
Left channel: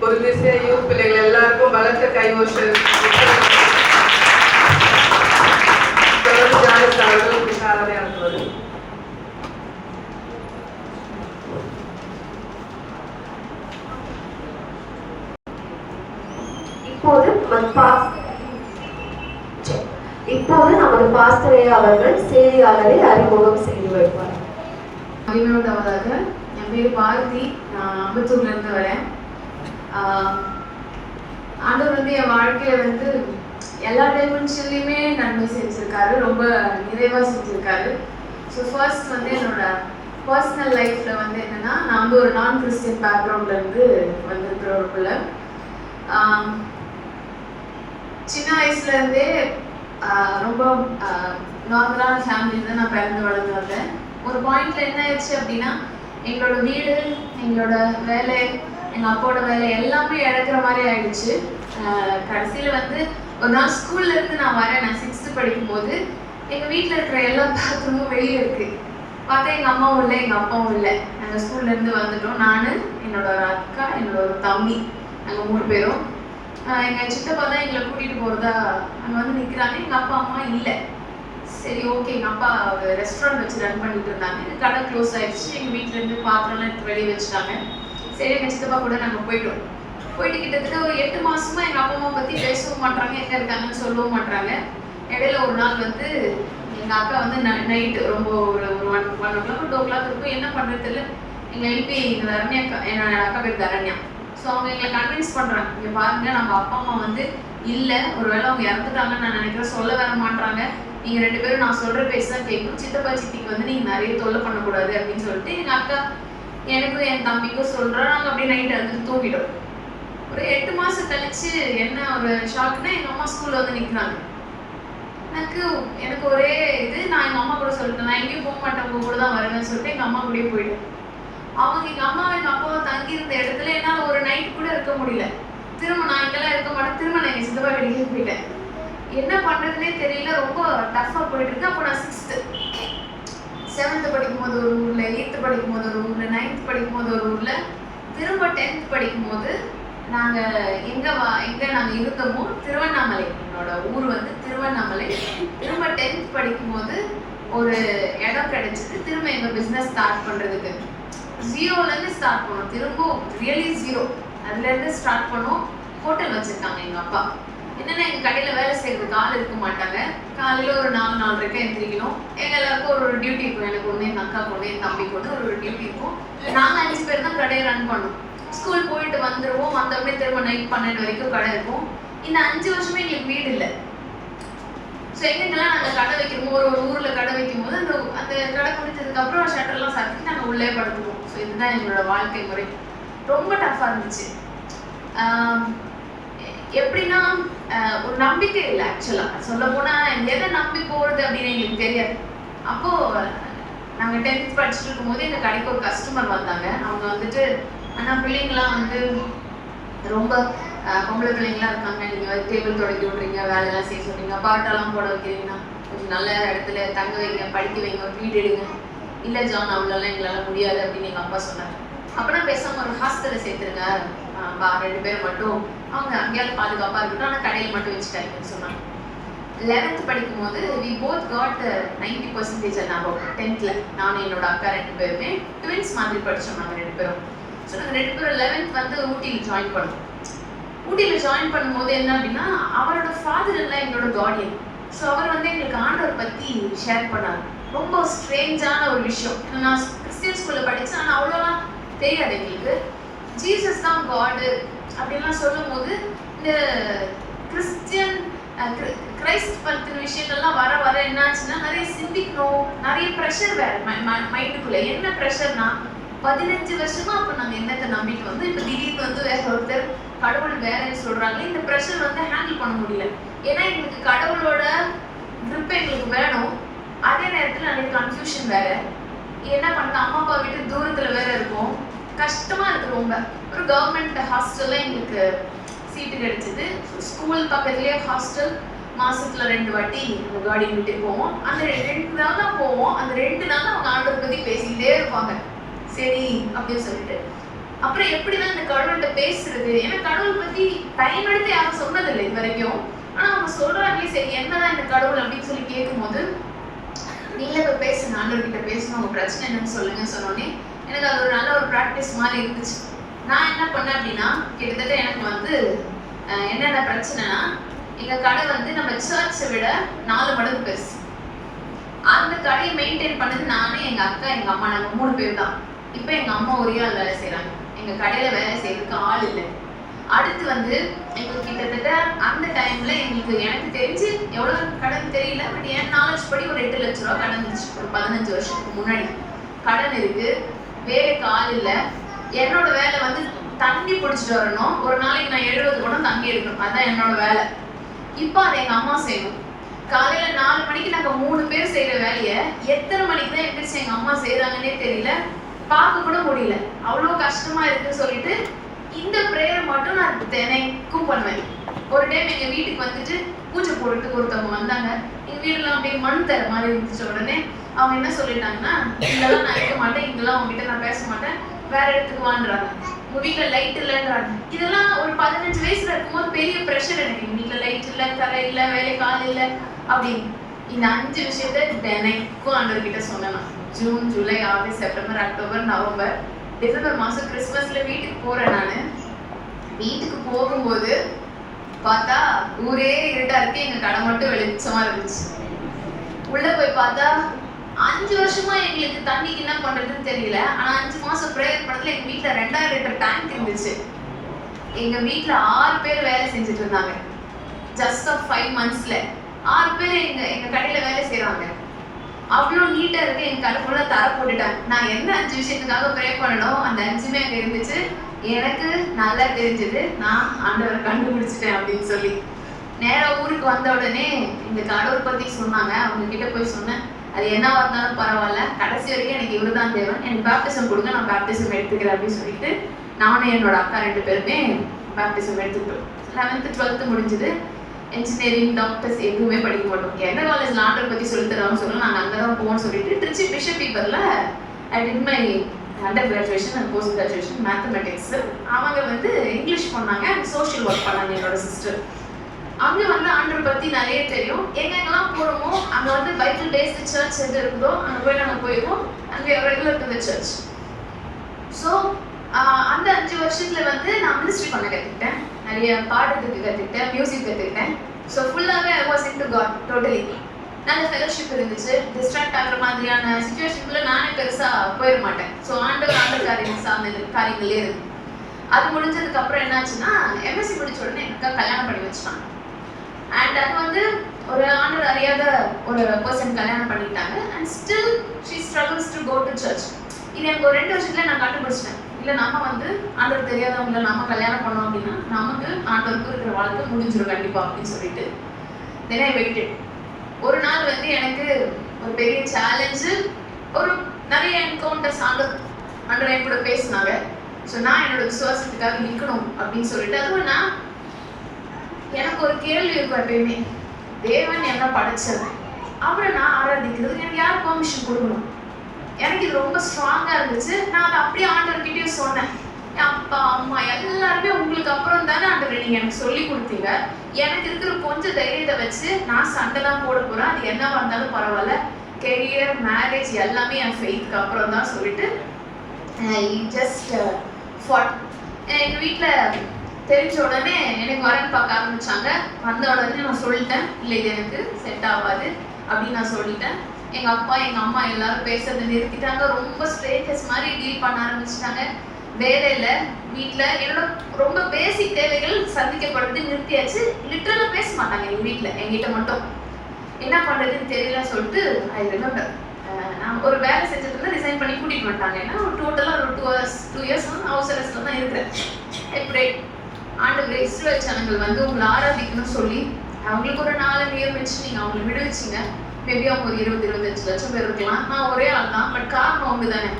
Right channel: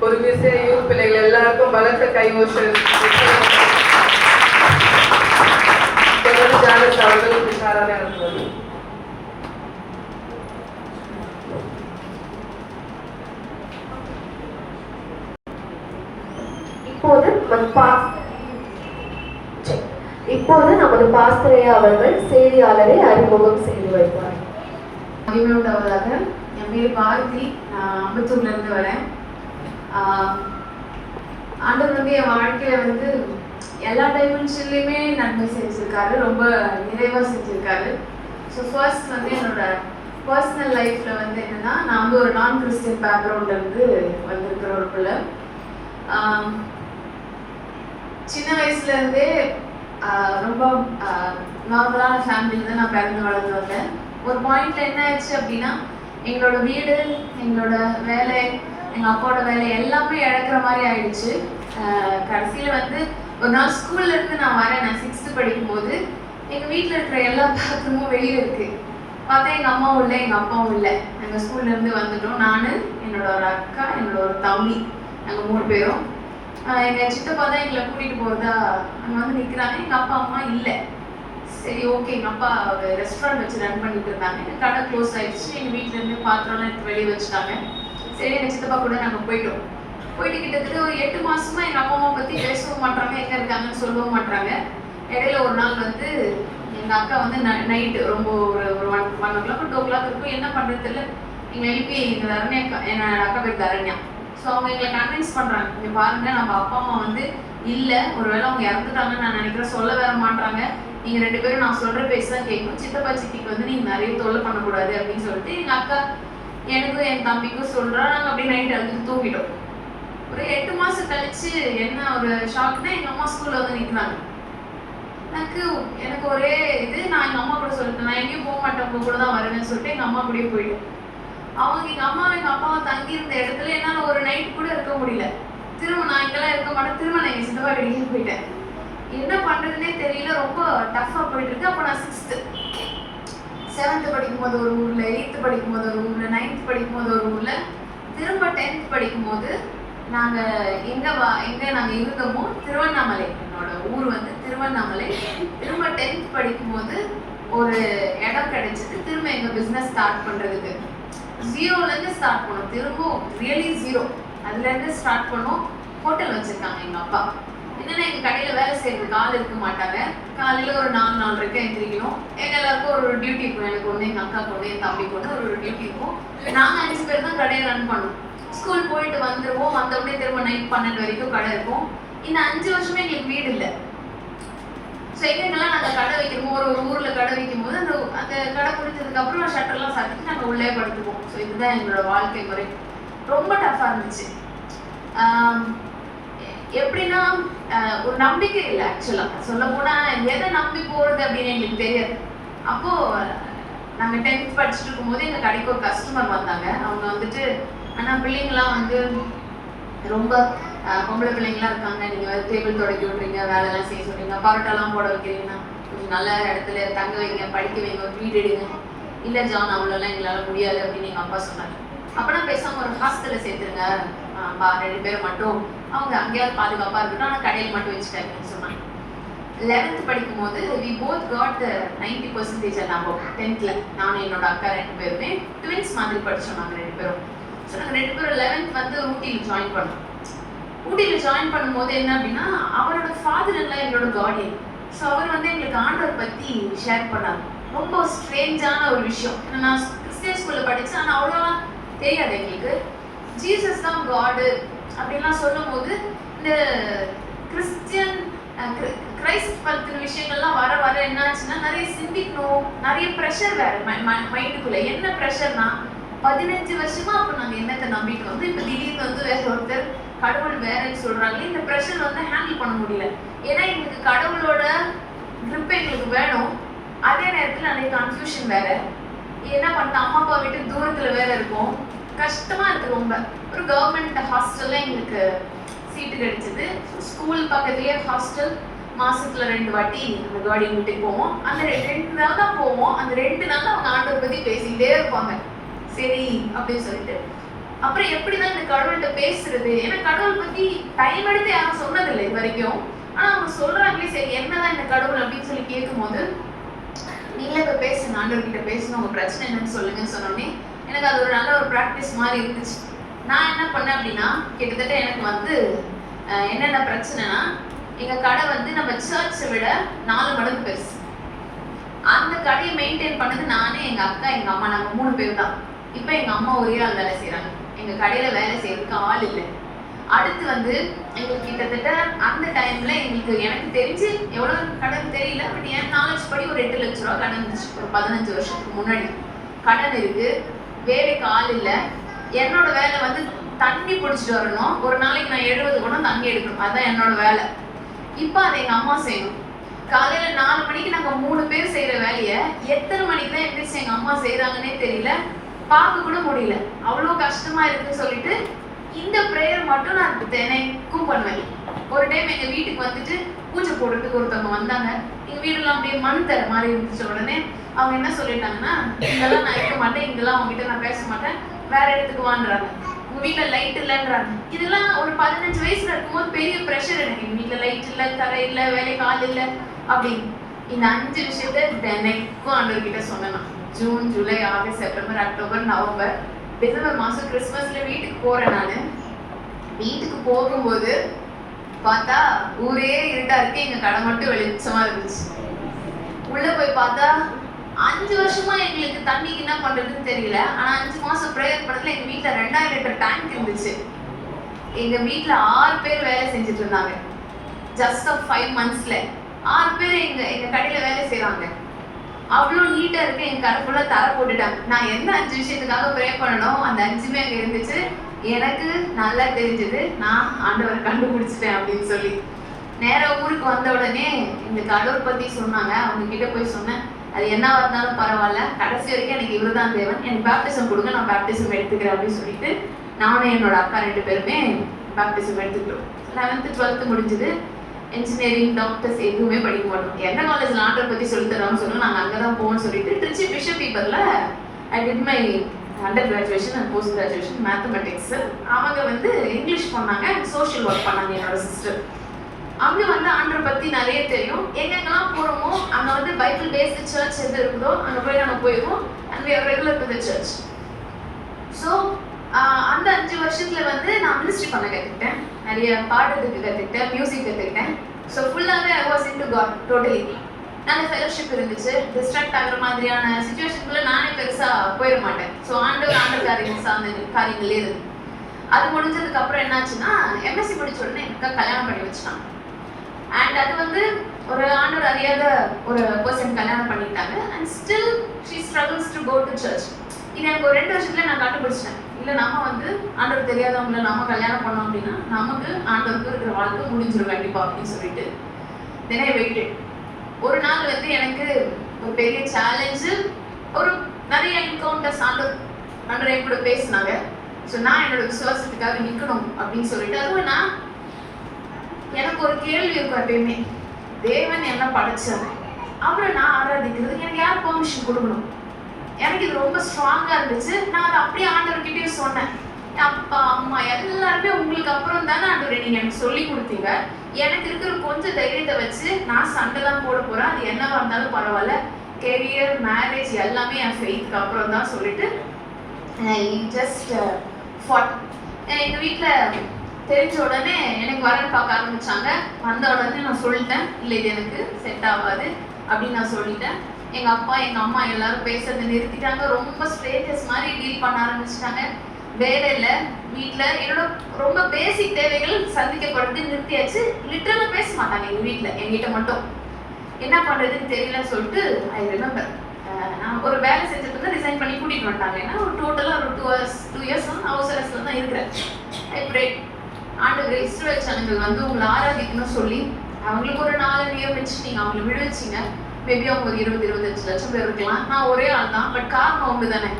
ஒரு திசை யூத் பிள்ளைகள் எல்லாருக்கும் பலத்த கைகோஷல். தொடர்ந்து ஜானஸ் அவர்கள் விசாரணை நடத்துவது. இப்போது நமது பாஸ்தரையா அவர்கள் செய்தியாளரை அறிமுகம் செய்து வைப்பார். அறிமுகமாவதாக, என் பேர் பாரதி, நான் அம்பத்தூர்ல இருந்து வரேன். ஆண்டவர் வந்து என் வாழ்க்கையில வந்து எல்லா டைமென்ஷன்லையுமே நன்மை செஞ்சிருக்காரு, ரொம்ப நிறைவா செஞ்சிருக்காரு. ஸோ ஃபர்ஸ்ட் வந்து என்னோட பர்சனல் லைஃப்ல வந்து என்னன்னா, நான் வந்து ஒரு நான் கிறிஸ்டியன் பேக்ரவுண்ட்ல இருந்து வந்திருக்கிற ஒரு பிள்ளை. சின்ன வயசுல இருந்தே ரொம்ப நார்மலான ஃபேமிலியில தான் நான் பிறந்து வளர்ந்து வந்தேன். ஒரு பாயிண்ட்ல என்ன ஆயிடுச்சு அப்படின்னா, எங்களோட வீடு, எங்களோட வேலை, எங்கள் அப்பாவோட வேலை எல்லாமே இழக்கிற மாதிரி ஆயிடுச்சு. கடைசியில் வந்து ஒரு நாள் ஸ்கூல்ல இருந்து நான் வரேன். நான் 6th படிக்கும்போது எங்கள் வீட்டில் இருக்கிற எல்லா பாத்திரமும் வெளியே இருக்கு. பார்த்தா எங்கள் அம்மாவும் இல்லை, எங்கள் அப்பாவும் இல்லை. நாங்கள் ஸ்கூல்ல இருந்து வந்துட்டோம். நான், என்னோட ஒரு அக்கா, என்னோட ஒரு தம்பி, நாங்கள் 3 பேரும். எங்கள் சித்தப்பா தான் எங்களை கூட்டிகிட்டு போகிறதா அங்கே வந்து நிற்கிறாங்க. எங்கள் அப்பா அம்மா இல்லை. சரி, ஓகே. எங்கள் அப்பா ரெஸ்டாரண்ட் வச்சு ரன் பண்ணிட்டு இருந்தாங்க. எங்கள் கடை க்ளோஸ் ஆயிடுச்சு. எங்கள் வீட்டிலேருந்து பாத்திரம்லாம் எடுத்து வெளியே வச்சுட்டாங்க. சரி, எங்கள் சித்தப்பா கூட நாங்கள் போயிட்டு கிட்டத்தட்ட ஒரு 8 மாசமா எங்கள் அப்பா அம்மா பற்றி பேசவும் மாட்டாங்க, எங்கே இருக்காங்கன்னு சொல்லவும் மாட்டாங்க. இடையில ஒரு நாள் வந்து எங்கள் அக்கா வந்து நைட்டு ரொம்ப ஒரு 1 o'clock 2 o'clock இருக்கும். என்ன பண்ணுறது தெரியல. எங்கள் ஐபி தரண்யா அக்கா, என்னோட அக்கா பேர் தரண்யா. ஸோ அவங்க எங்களை கன்வின்ஸ் பண்ணுறாங்க, இங்கே பாருங்க நம்ம அப்பா அம்மா வந்து இல்லை, ஒருவேளை அவங்க இறந்துட்டாங்கன்னு நான் நினைக்கிறேன், சொல்ல வர மாட்டாங்க, நீங்கள் 2 பேரும் நான் சொல்கிற பேச தான் கேட்கணும், சித்தப்பா சித்திக்கு வந்து நீங்கள் நிறைய தொல்லை பண்ணக்கூடாது அப்படின்னு சொல்லிட்டு எங்கள் அக்கா எனக்கும் என் தம்பிக்கும் சொல்கிறோம். நாங்கள் அப்படியே நைட் அழுது தூங்கிட்டோம். ஒரு 8 மாதம் கழிச்சு என்ன ஒரு ஷாக்னா, எங்கள் அம்மா ஸ்கூலில் வந்து நிற்கிறாங்க. எனக்கு ஒரே இது, நான் எங்கள் அம்மா கூட சொல்லிட்டேன், நான் எங்கேயும் போக மாட்டேன், உங்க கூட தான் வருவேன்னு சொல்லிட்டு எங்கள் அம்மா கூடயே போயிட்டேன். அவங்க எங்கள் அம்மா எங்கள் அப்பாவும் தங்கி இருந்த இடத்துல என்னால் ஒரு நைட் கூட இருக்க முடியல. திரும்ப நான் இங்கெல்லாம் இருக்க மாட்டேன், திரும்ப நான் எங்கள் சித்தப்பா கிடைக்க போயிட்டேன். என்ன பண்ணுறதுனே தெரியல, ரொம்ப டஃப்பாக போயிட்டு இருக்கு. அப்போ நான் 6th 7th படிக்கும்போது ஒரு ஊரில், 8th படிக்கும்போது ஒரு ஊரில், 9th படிக்கும்போது ஒரு ஊரில், திரும்ப 10th படிக்கும்போது நாங்கள் எங்கே நாங்கள் இருந்தோமோ திருவண்ணாமலை, என்னோட ஊர் வந்து திருவண்ணாமலை. திரும்ப 10th படிக்கும்போது ஒரு இடம் கிடைச்சிது, திரும்ப எங்கள் பிஸ்னஸ் ஸ்டார்ட் பண்ணுறதுக்கு. 0லேருந்து ஸ்டார்ட் பண்ணோம், திரும்ப ரியலி 0 அதுலேருந்து ஸ்டார்ட் பண்ணோம். ஹோட்டல் வச்சுருக்காங்க எங்கள் அப்பா. என்னென்னா எங்கள் கடையில் வேலை செய்யறதுக்கு ஆள் இருக்க மாட்டாங்க. காலையில் ஒரு 4-4:30 எந்திரிக்கணும். எங்கள் எல்லாருக்கும் ஒரு டியூட்டி இருக்கும். எனக்கு ஒன்று, எங்கள் அக்கா ஒன்று, என் தம்பிக்கு ஒன்று, ஒரு டியூட்டி இருக்கும். நாங்கள் 5 பேர் தான் கடையை ரன் பண்ணோம். ஸ்கூல் போயிட்டு வந்துடுவோம், வந்தபடியே திரும்ப நைட் 12 வரைக்கும் கடை இருக்கும். இந்த 5 வருஷமே எங்களுக்கு வீடு இல்லை. ஸோ எங்கெங்கெல்லாம் நாங்கள் கடை வைக்கிறோமோ, ஒரு ஊரில் கடை வைக்கும் போது அந்த கடை முடிச்சதுக்கப்புறம் ஷட்டர்லாம் சாத்திட்டு நாங்கள் உள்ளே படுத்துக்குவோம். ஸோ இதுதான் எங்களோட வாழ்க்கை முறை. ரொம்ப டஃப்பாக இருந்துச்சு. எப்படின்னா ஒரு நம்பிக்கை இல்லை. ஆக்சுவலாக சொல்ல போனால் எதை நம்பி போகிறது அப்படின்னு எங்களுக்கு தெரியாது. அப்போது நாங்கள் 10th படிச்சுட்டு இருக்கும்போது எங்கள் கடைக்கு ஒரு கஸ்டமர் வந்தாங்க. அவங்க வந்துட்டு, ஆனால் பிள்ளைங்களாம் வந்து ரொம்ப பொம்பளை பிள்ளைங்களாம் இருக்காங்க, நீங்கள் டேபிள் தொடக்கி விட்றீங்க, வேலைலாம் செய்ய சொல்றீங்க, பரோட்டாலாம் போட வைக்கிறீங்கன்னா கொஞ்சம் நல்ல இடத்துல தங்க வைங்க, படிக்க வைங்க, ஒரு வீடு எடுங்க. இல்லை ஜான், அவ்வளோலாம் எங்களால் முடியாது அப்படின்னு எங்கள் அப்பா சொன்னார். அப்போனா பேசாமல் ஒரு ஹாஸ்டலில் சேர்த்துருங்க, 2 பேர் மட்டும், அவங்க அங்கேயாவது பாதுகாப்பாக இருக்கட்டும், ஆனால் கடையில் மட்டும் வச்சுட்டாங்கன்னு சொன்னாங்க. 11th படிக்கும்போது we both got 90% and above 10th. நானும் என்னோட அக்கா 2 பேருமே ட்வின்ஸ் மாதிரி படித்தோம். நாங்கள் 2 பேரும். ஸோ நாங்கள் 2 பேரும் 11th வந்து ஊட்டியில் ஜாயின் பண்ணோம். ஊட்டியில் ஜாயின் பண்ணும்போது என்ன அப்படின்னா, அவரோட ஃபாதர் எல்லாம் எங்களோட கார்டியன். ஸோ அவர் வந்து எங்களுக்கு ஆண்டவர் பற்றி ஷேர் பண்ணார். ரொம்ப ஸ்ட்ரேஞ்சான ஒரு விஷயம். நான் கிறிஸ்டியன் ஸ்கூலில் படித்தேன், ஆனால் அவ்வளோலாம் தெரியாது எங்களுக்கு. ஜீசஸ் தான் காடு அப்படின்லாம் சொல்லும் போது இந்த கிரைஸ்ட் பற்றின விஷயங்கள்லாம் வர வர என்னாச்சுன்னா, நிறைய சிந்திக்கணும், நிறைய ப்ரெஷர் வேறு மைண்டுக்குள்ளே. என்ன ப்ரெஷர்னா, 15 வருஷமா அப்போ நாங்கள் என்னத்தை நம்பிக்கை வந்து இப்போ திடீர்னு வந்து வேற ஒருத்தர் கடவுள் வேறன்னு சொல்கிறாங்க. இந்த ப்ரெஷர் வந்து ஹேண்டில் பண்ண முடியல. ஏன்னா எங்களுக்கு கடவுளோட க்ரிப் எங்களுக்கு வேணும், அதே நேரத்தில் நிறைய கன்ஃபியூஷன் வேற. என்ன பண்ண, அம்மா அப்பா வீட்டு தூரத்தில் வேற இருக்கும், கஷ்டமாக இருக்குது ரொம்ப. ஒரு கவர்மெண்ட் ஹாஸ்டலில் எங்களுக்கு சீட்டு கிடைச்சிது. ஸ்கூல் பக்கத்துலேயே ஹாஸ்டல். மாசத்துல 2 வாட்டி அந்த கார்டியன் வீட்டுக்கு போவோம். அந்த 2 நாள் தான் போவோம். அந்த 2 நாள் அவங்க ஆண்டவரை பற்றி பேசிக்கிட்டே இருப்பாங்க. சரி அப்படின்னு சொல்லிட்டு அப்புறம் எப்படிதான் இந்த கடவுள்கிட்ட பேசுறது? ஏன்னா கடவுள் பத்தி டைம் எடுத்து யாரும் சொன்னதில்லை இது வரைக்கும். ஆனா அவங்க சொல்றாங்களே, சரி என்னதான் இந்த கடவுள் அப்படின்னு சொல்லி கேட்கும்போது, நீங்களே இப்ப பேசுங்க, ஆண்டவர்கிட்ட பேசணும், உங்க பிரச்சனை என்னன்னு சொல்லுங்க சொன்னோடனே எனக்கு அது ஒரு நல்ல ஒரு ப்ராக்டிஸ் மாதிரி இருந்துச்சு. நான் என்ன பண்ணேன் அப்படின்னா, கிட்டத்தட்ட எனக்கு வந்து என்னென்ன பிரச்சனைனா, எங்க கடை வந்து நம்ம சர்ச்சை விட 4 மடங்கு பெருசு. அந்த கடையை மெயின்டைன் பண்ணது நானே, எங்க அக்கா, எங்க அம்மா, நாங்க 3 பேர் தான். இப்போ எங்க அம்மா ஒரே ஆள் வேலை செய்யறாங்க. எங்க கடையில வேலை செய்யறதுக்கு ஆள் இல்லை. அடுத்து வந்து எங்களுக்கு கிட்டத்தட்ட அந்த டைம்ல எனக்கு தெரிஞ்சு எவ்வளவு கடன் தெரியல, பட் என் நாலேஜ் படி ஒரு 8 லட்ச ரூபா கடன் இருந்துச்சு. ஒரு 15 வருஷத்துக்கு முன்னாடி கடன் இருக்கு. வேலைக்கு ஆள் இல்லை. என்னோட வேலை வந்து தண்ணி பிடிச்சிட்டு வரணும். ஒரு நாளைக்கு நான் 70 குடம் தண்ணி எடுக்கணும். அதான் என்னோட வேலை. இப்போ அதை எங்க அம்மா செய்யணும். காலையில 4 மணிக்கு நாங்க 3 பேர் செய்யற வேலையை எத்தனை மணிக்கு தான் எந்திரிச்சு எங்க அம்மா செய்யறாங்கன்னே தெரியல, பார்க்க கூட முடியல. அவ்வளோ கஷ்டமா இருக்குன்னு சொல்லிட்டு இந்த ப்ரேயர் மட்டும் நான் தினைக்கும் பண்ணுவேன். ஒரு டைம் எங்க வீட்டுக்கு வந்துட்டு பூஜை போடுறதுக்கு ஒருத்தவங்க வந்தாங்க. எங்க வீடுலாம் அப்படியே மண் தர மாதிரி இருந்துச்சு. உடனே அவங்க என்ன சொல்லிட்டாங்கன்னா, இங்கெல்லாம் நான் இருக்க மாட்டேன், இங்கெல்லாம் அவங்ககிட்ட நான் பேச மாட்டேன், வேற இடத்துக்கு வாங்குறாங்க. உங்க வீட்டுல லைட் இல்லைன்றாங்க. இதெல்லாம் ஒரு 15 வயசுல இருக்கும்போது பெரிய ப்ரெஷர் எனக்கு. எங்க வீட்டுல லைட் இல்லை, தலை இல்லை, வேலைக்கு ஆள் இல்லை அப்படின்னு. இந்த 5 விஷயத்த தினைக்கும் ஆண்டவர்கிட்ட சொன்னேன். June, July, August, September, October, November, December மாசம் கிறிஸ்மஸ்ல வீட்டுக்கு போறேன். நானு வீட்டுக்கு போகும்போது பார்த்தா ஊரே இருட்டா இருக்கு, எங்க கடை மட்டும் வெளிச்சமா இருந்துச்சு. உள்ள போய் பார்த்தா 5 வருஷமா எங்களுக்கு தண்ணிக்கு என்ன பண்றதுன்னு தெரியல. ஆனா 5 மாசம் ப்ரேயர் பண்ணதுல எங்க வீட்டுல 2000 லிட்டர் டேங்க் இருந்துச்சு. எங்க வீட்டுல 6 பேர் வேலை செஞ்சுட்டு இருந்தாங்க. ஜஸ்ட் 5 மந்த்ஸ்ல 6 பேர் எங்க கடையில வேலை செய்யறாங்க. அவ்வளோ நீட்டா இருக்கு. என் கடை ஃபுல்லா தர போட்டுட்டாங்க. நான் என்ன 5 விஷயத்துக்காக ப்ரே பண்ணணும், அந்த 5மே அங்க இருந்துச்சு. எனக்கு நல்லா தெரிஞ்சது, நான் ஆண்டவரை கண்டுபிடிச்சிட்டேன் அப்படின்னு சொல்லி நேரா ஊருக்கு வந்த உடனே இந்த கடவுள் பத்தி சொன்னாங்க. அவங்க கிட்ட போய் சொன்னேன், அது என்ன இருந்தாலும் பரவாயில்ல, கடைசி வரைக்கும் எனக்கு இவருதான் தேவன், எனக்கு பேப்டிசம் கொடுங்க, நான் பேப்டிசம் எடுத்துக்கிறேன் அப்படின்னு சொல்லிட்டு நானும் என்னோட அக்கா 2 பேருமே பேப்டிசம் எடுத்துக்கிட்டோம். 11th 12th முடிஞ்சது. இன்ஜினியரிங், டாக்டர்ஸ் எதுவுமே படிக்க மாட்டோம். எந்த காலேஜ்ல ஆண்டவர் பத்தி சொல்லி தராங்க சொல்ல நாங்கள் அங்கதான் போவோம்னு சொல்லிட்டு திருச்சி பிஷப் பீப்பர்ல I did my under graduation and post graduation mathematics. அவங்க வந்து இங்கிலீஷ் பண்ணாங்க அண்ட் சோஷியல் ஒர்க் பண்ணாங்க என்னோட சிஸ்டர். அங்க வந்து ஆண்டவர் பத்தி நிறைய தெரியும். எங்கெங்கெல்லாம் போறோமோ அங்க வந்து பைபிள் பேஸ்டு சர்ச் எது இருக்குதோ அங்க போய் நாங்க போயிடுவோம். And we are regular to the church. So அந்த 5 வருஷத்துல வந்து நான் மினிஸ்ட்ரி பண்ண கற்றுக்கிட்டேன், நிறைய பாடுறதுக்கு கற்றுக்கிட்டேன், மியூசிக் கற்றுக்கிட்டேன். ஸோ ஃபுல்லாகவே I was into God totally. நல்ல ஃபெலோஷிப் இருந்துச்சு. டிஸ்ட்ராக்ட் ஆகிற மாதிரியான சுச்சுவேஷனுக்குள்ள நானே பெருசாக போயிட மாட்டேன். ஸோ ஆண்டவர் காரியங்கள் சார்ந்த காரியங்களே இருக்கு. அது முடிஞ்சதுக்கு அப்புறம் என்னாச்சுன்னா, எம்எஸ்சி முடிச்ச உடனே எனக்கு கல்யாணம் பண்ணி வச்சுட்டாங்க. அண்ட் அது வந்து ஒரு ஆண்டவர் அறியாத ஒரு பர்சன் கல்யாணம் பண்ணிட்டாங்க. And still she struggles to go to church. இது எனக்கு ஒரு 2 வருஷத்துல நான் கண்டுபிடிச்சிட்டேன். இல்லை நம்ம வந்து ஆண்டவர் தெரியாதவங்களை நம்ம கல்யாணம் பண்ணோம் அப்படின்னா நமக்கு ஆண்டவருக்கு இருக்கிற வாழ்க்கை முடிஞ்சிடும் கண்டிப்பா அப்படின்னு சொல்லிட்டு தினை வெயிட்டு. ஒரு நாள் வந்து எனக்கு ஒரு பெரிய சேலஞ்சு, ஒரு நிறைய என்கவுண்டர்ஸ் ஆண்டவர் என் கூட பேசினாங்க. ஸோ நான் என்னோட விசுவாசத்துக்காக நிற்கணும் அப்படின்னு சொல்லிட்டு, அதுவும் நான் எனக்கு ஒரு கேள்வி இருக்கும் எப்பயுமே, தேவன் என்ன படைச்சார், அவரை நான் ஆராதிக்கிறதுக்கு எனக்கு யார் பெர்மிஷன் கொடுக்கணும். எனக்கு இது ரொம்ப ஸ்ட்ராங்கா இருந்துச்சு. நான் அதை அப்படியே ஆண்டவர்கிட்டயும் சொன்னேன், அப்பா அம்மா எல்லாருமே உங்களுக்கு அப்புறம் தானே ஆண்டவர் நீங்க எனக்கு சொல்லி கொடுத்தீங்க, எனக்கு இருக்கிற கொஞ்சம் தைரியத்தை வச்சு நான் சண்டை தான் போட போறேன், அது என்னவா இருந்தாலும் பரவாயில்ல, கெரியர் மேரேஜ் எல்லாமே என் ஃபெய்த்துக்கு அப்புறம் தான் சொல்லிட்டு ஜஸ்ட் ஃபாட். எங்க வீட்டுல தெரிஞ்ச உடனே எனக்கு வரன்னு பார்க்க ஆரம்பிச்சாங்க. வந்த உடனே நான் சொல்லிட்டேன், இல்லை இது எனக்கு செட் ஆகாது அப்படின்னு நான் சொல்லிட்டேன். எங்க அப்பா எங்க அம்மா எல்லாரும் பேசுறதை நிறுத்திட்டாங்க. ரொம்ப ஸ்ட்ரேஞ்சர்ஸ் மாதிரி டீல் பண்ண ஆரம்பிச்சிட்டாங்க. வேலையில வீட்டுல என்னோட ரொம்ப பேசிக் தேவைகள் சந்திக்கப்படுறது நிறுத்தியாச்சு. லிட்டரலா பேச மாட்டாங்க எங்க வீட்டுல, எங்கிட்ட மட்டும். என்ன பண்றதுன்னு தெரியல சொல்லிட்டு ஐ ரிமெம்பர் நான் ஒரு வேலை செஞ்சதுக்கு ரிசைன் பண்ணி கூட்டிட்டு வந்துட்டாங்க. ஏன்னா ஒரு டோட்டலா ஒரு 2 இயர்ஸ் வந்து அவசரத்துல தான் இருக்கிறேன். ஆண்டவரே, இஸ்ரவேல் ஜனங்கள் வந்து உங்களை ஆராதிக்கணும்னு சொல்லி அவங்களுக்கு ஒரு 4 நியமிச்சு நீங்க அவங்களை விடுவிச்சிங்க. மேபி அவங்க ஒரு 20-25 லட்சம் பேர் இருக்கலாம். நான் ஒரே ஆள் தான், பட் காரணம் அவங்க தானே.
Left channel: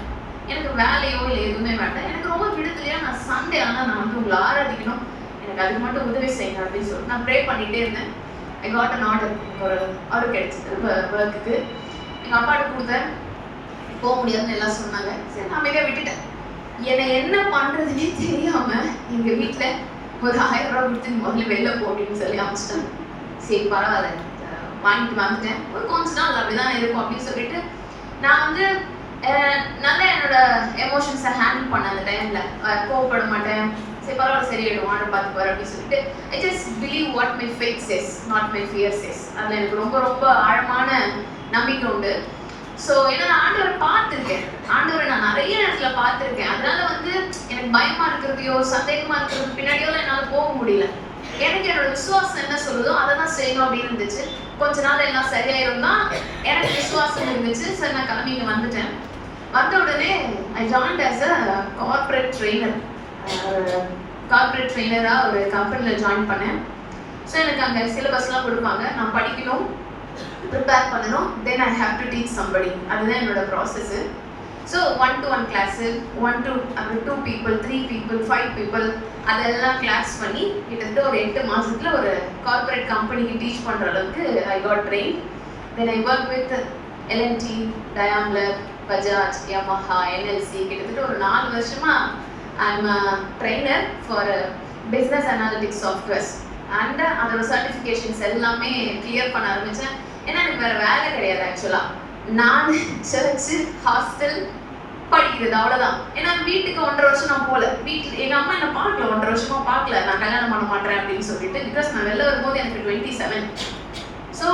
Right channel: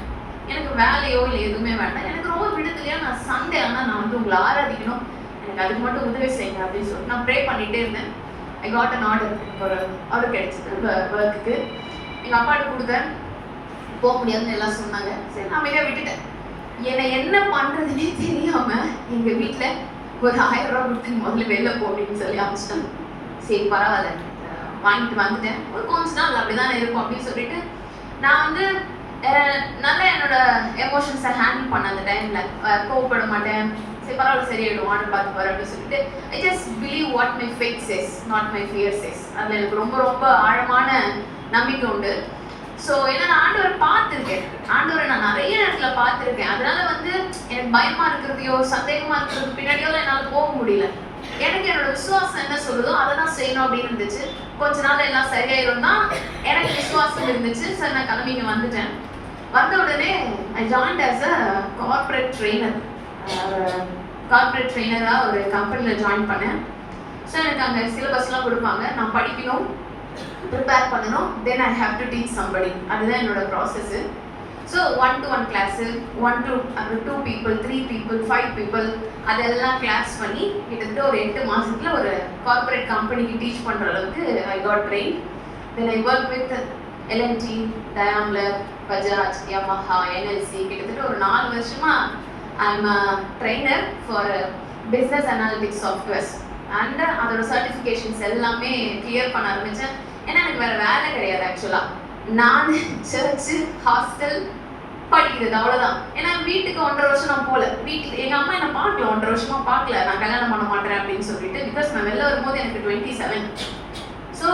எனக்கு வேலையோ இல்லை எதுவுமே வேண்டாம், எனக்கு ரொம்ப விடுதலையா நான் சண்டே ஆனால் நான் வந்து உங்களை ஆராதிக்கணும், எனக்கு அதுக்கு மட்டும் உதவி செய்யுங்க அப்படின்னு சொல்லி நான் ப்ரே பண்ணிகிட்டே இருந்தேன். ஐ காட் அன் ஆர்டர், ஒரு ஆர்டர் கிடைச்சிது ஒர்க்குக்கு. எங்கள் அப்பாட்ட கொடுத்தேன், போக முடியாதுன்னு எல்லாம் சொன்னாங்க. சரி நான் அமைதியாக விட்டுட்டேன். என்னை என்ன பண்றதுன்னே தெரியாம எங்க வீட்டுல ஒரு 1000 ரூபாய் கொடுத்து முதல்ல வெளில போட்டுன்னு சொல்லி அனுப்பிச்சிட்டாங்க. சரி பரவாயில்ல வாங்கிட்டு வந்துட்டேன், ஒரு கொஞ்ச நாள் அப்படிதான் இருக்கும் அப்படின்னு சொல்லிட்டு நான் வந்து நல்லா என்னோட எமோஷன்ஸை ஹேண்டில் பண்ண அந்த டைம்ல கோவப்பட மாட்டேன். சரி பரவாயில்ல சரியாயிடும் ஆர்டர் பார்த்து போறேன் அப்படின்னு சொல்லிட்டு I just believe what my faith says not my fear says. அதில் எனக்கு ரொம்ப ரொம்ப ஆழமான நம்பிக்கை உண்டு. ஸோ ஏன்னா நான் ஆண்டவரை பார்த்துருக்கேன், ஆண்டவரை நான் நிறைய நேரத்துல பார்த்துருக்கேன். அதனால வந்து எனக்கு பயமா இருக்கிறதையோ சந்தேகமா இருக்கிறது பின்னாடியோ என்னால் போக முடியல. எனக்கு என்னோட விசுவாசம் என்ன சொல்லுதோ அதை தான் செய்யணும் அப்படின்னு இருந்துச்சு. கொஞ்ச நாள் எல்லாம் சரியாயிரும் தான் எனக்கு விசுவாசம் இருந்துச்சு. சரி நான் கிளம்பி இங்கே வந்துட்டேன். வந்த உடனே I joined as a corporate trainer. Corporate ட்ரெயினராக ஒரு கம்பெனியில் ஜாயின் பண்ணேன். ஸோ எனக்கு அங்கே சிலபஸ்லாம் கொடுப்பாங்க, நான் படிக்கணும், ப்ரிப்பேர் பண்ணணும், then I have to teach somebody. அதுதான் என்னோட process. So 1-to-1 class, 1 to 2 people, 3 people, 5 people அதெல்லாம் கிளாஸ் பண்ணி கிட்டத்தட்ட ஒரு 8 மாதத்துல ஒரு கார்பரேட் கம்பெனிக்கு டீச் பண்ணுற அளவுக்கு I got train. Then I work with L&T, Daimler, Bajaj, Yamaha, NLC கிட்டத்தட்ட ஒரு 4 வருஷமா I am a trainer for business analytics softwares. And அதோட சர்டிஃபிகேஷன்ஸ் எல்லாமே கிளியர் பண்ண ஆரம்பித்தேன். ஏன்னா எனக்கு வேறு வேலை கிடையாது ஆக்சுவலாக. நான் சர்ச்சு, ஹாஸ்டல், படிக்கிறது அவ்வளோதான். ஏன்னா வீட்டுக்கு 1.5 வருஷம் நான் போகல. வீட்டில் எங்கள் அம்மா என்னை பார்க்கல, 1.5 வருஷமா பார்க்கல, நான் கல்யாணம் பண்ண மாட்டேன் அப்படின்னு சொல்லிட்டு. பிகாஸ் நான் வெளில வரும்போது எனக்கு 27. ஸோ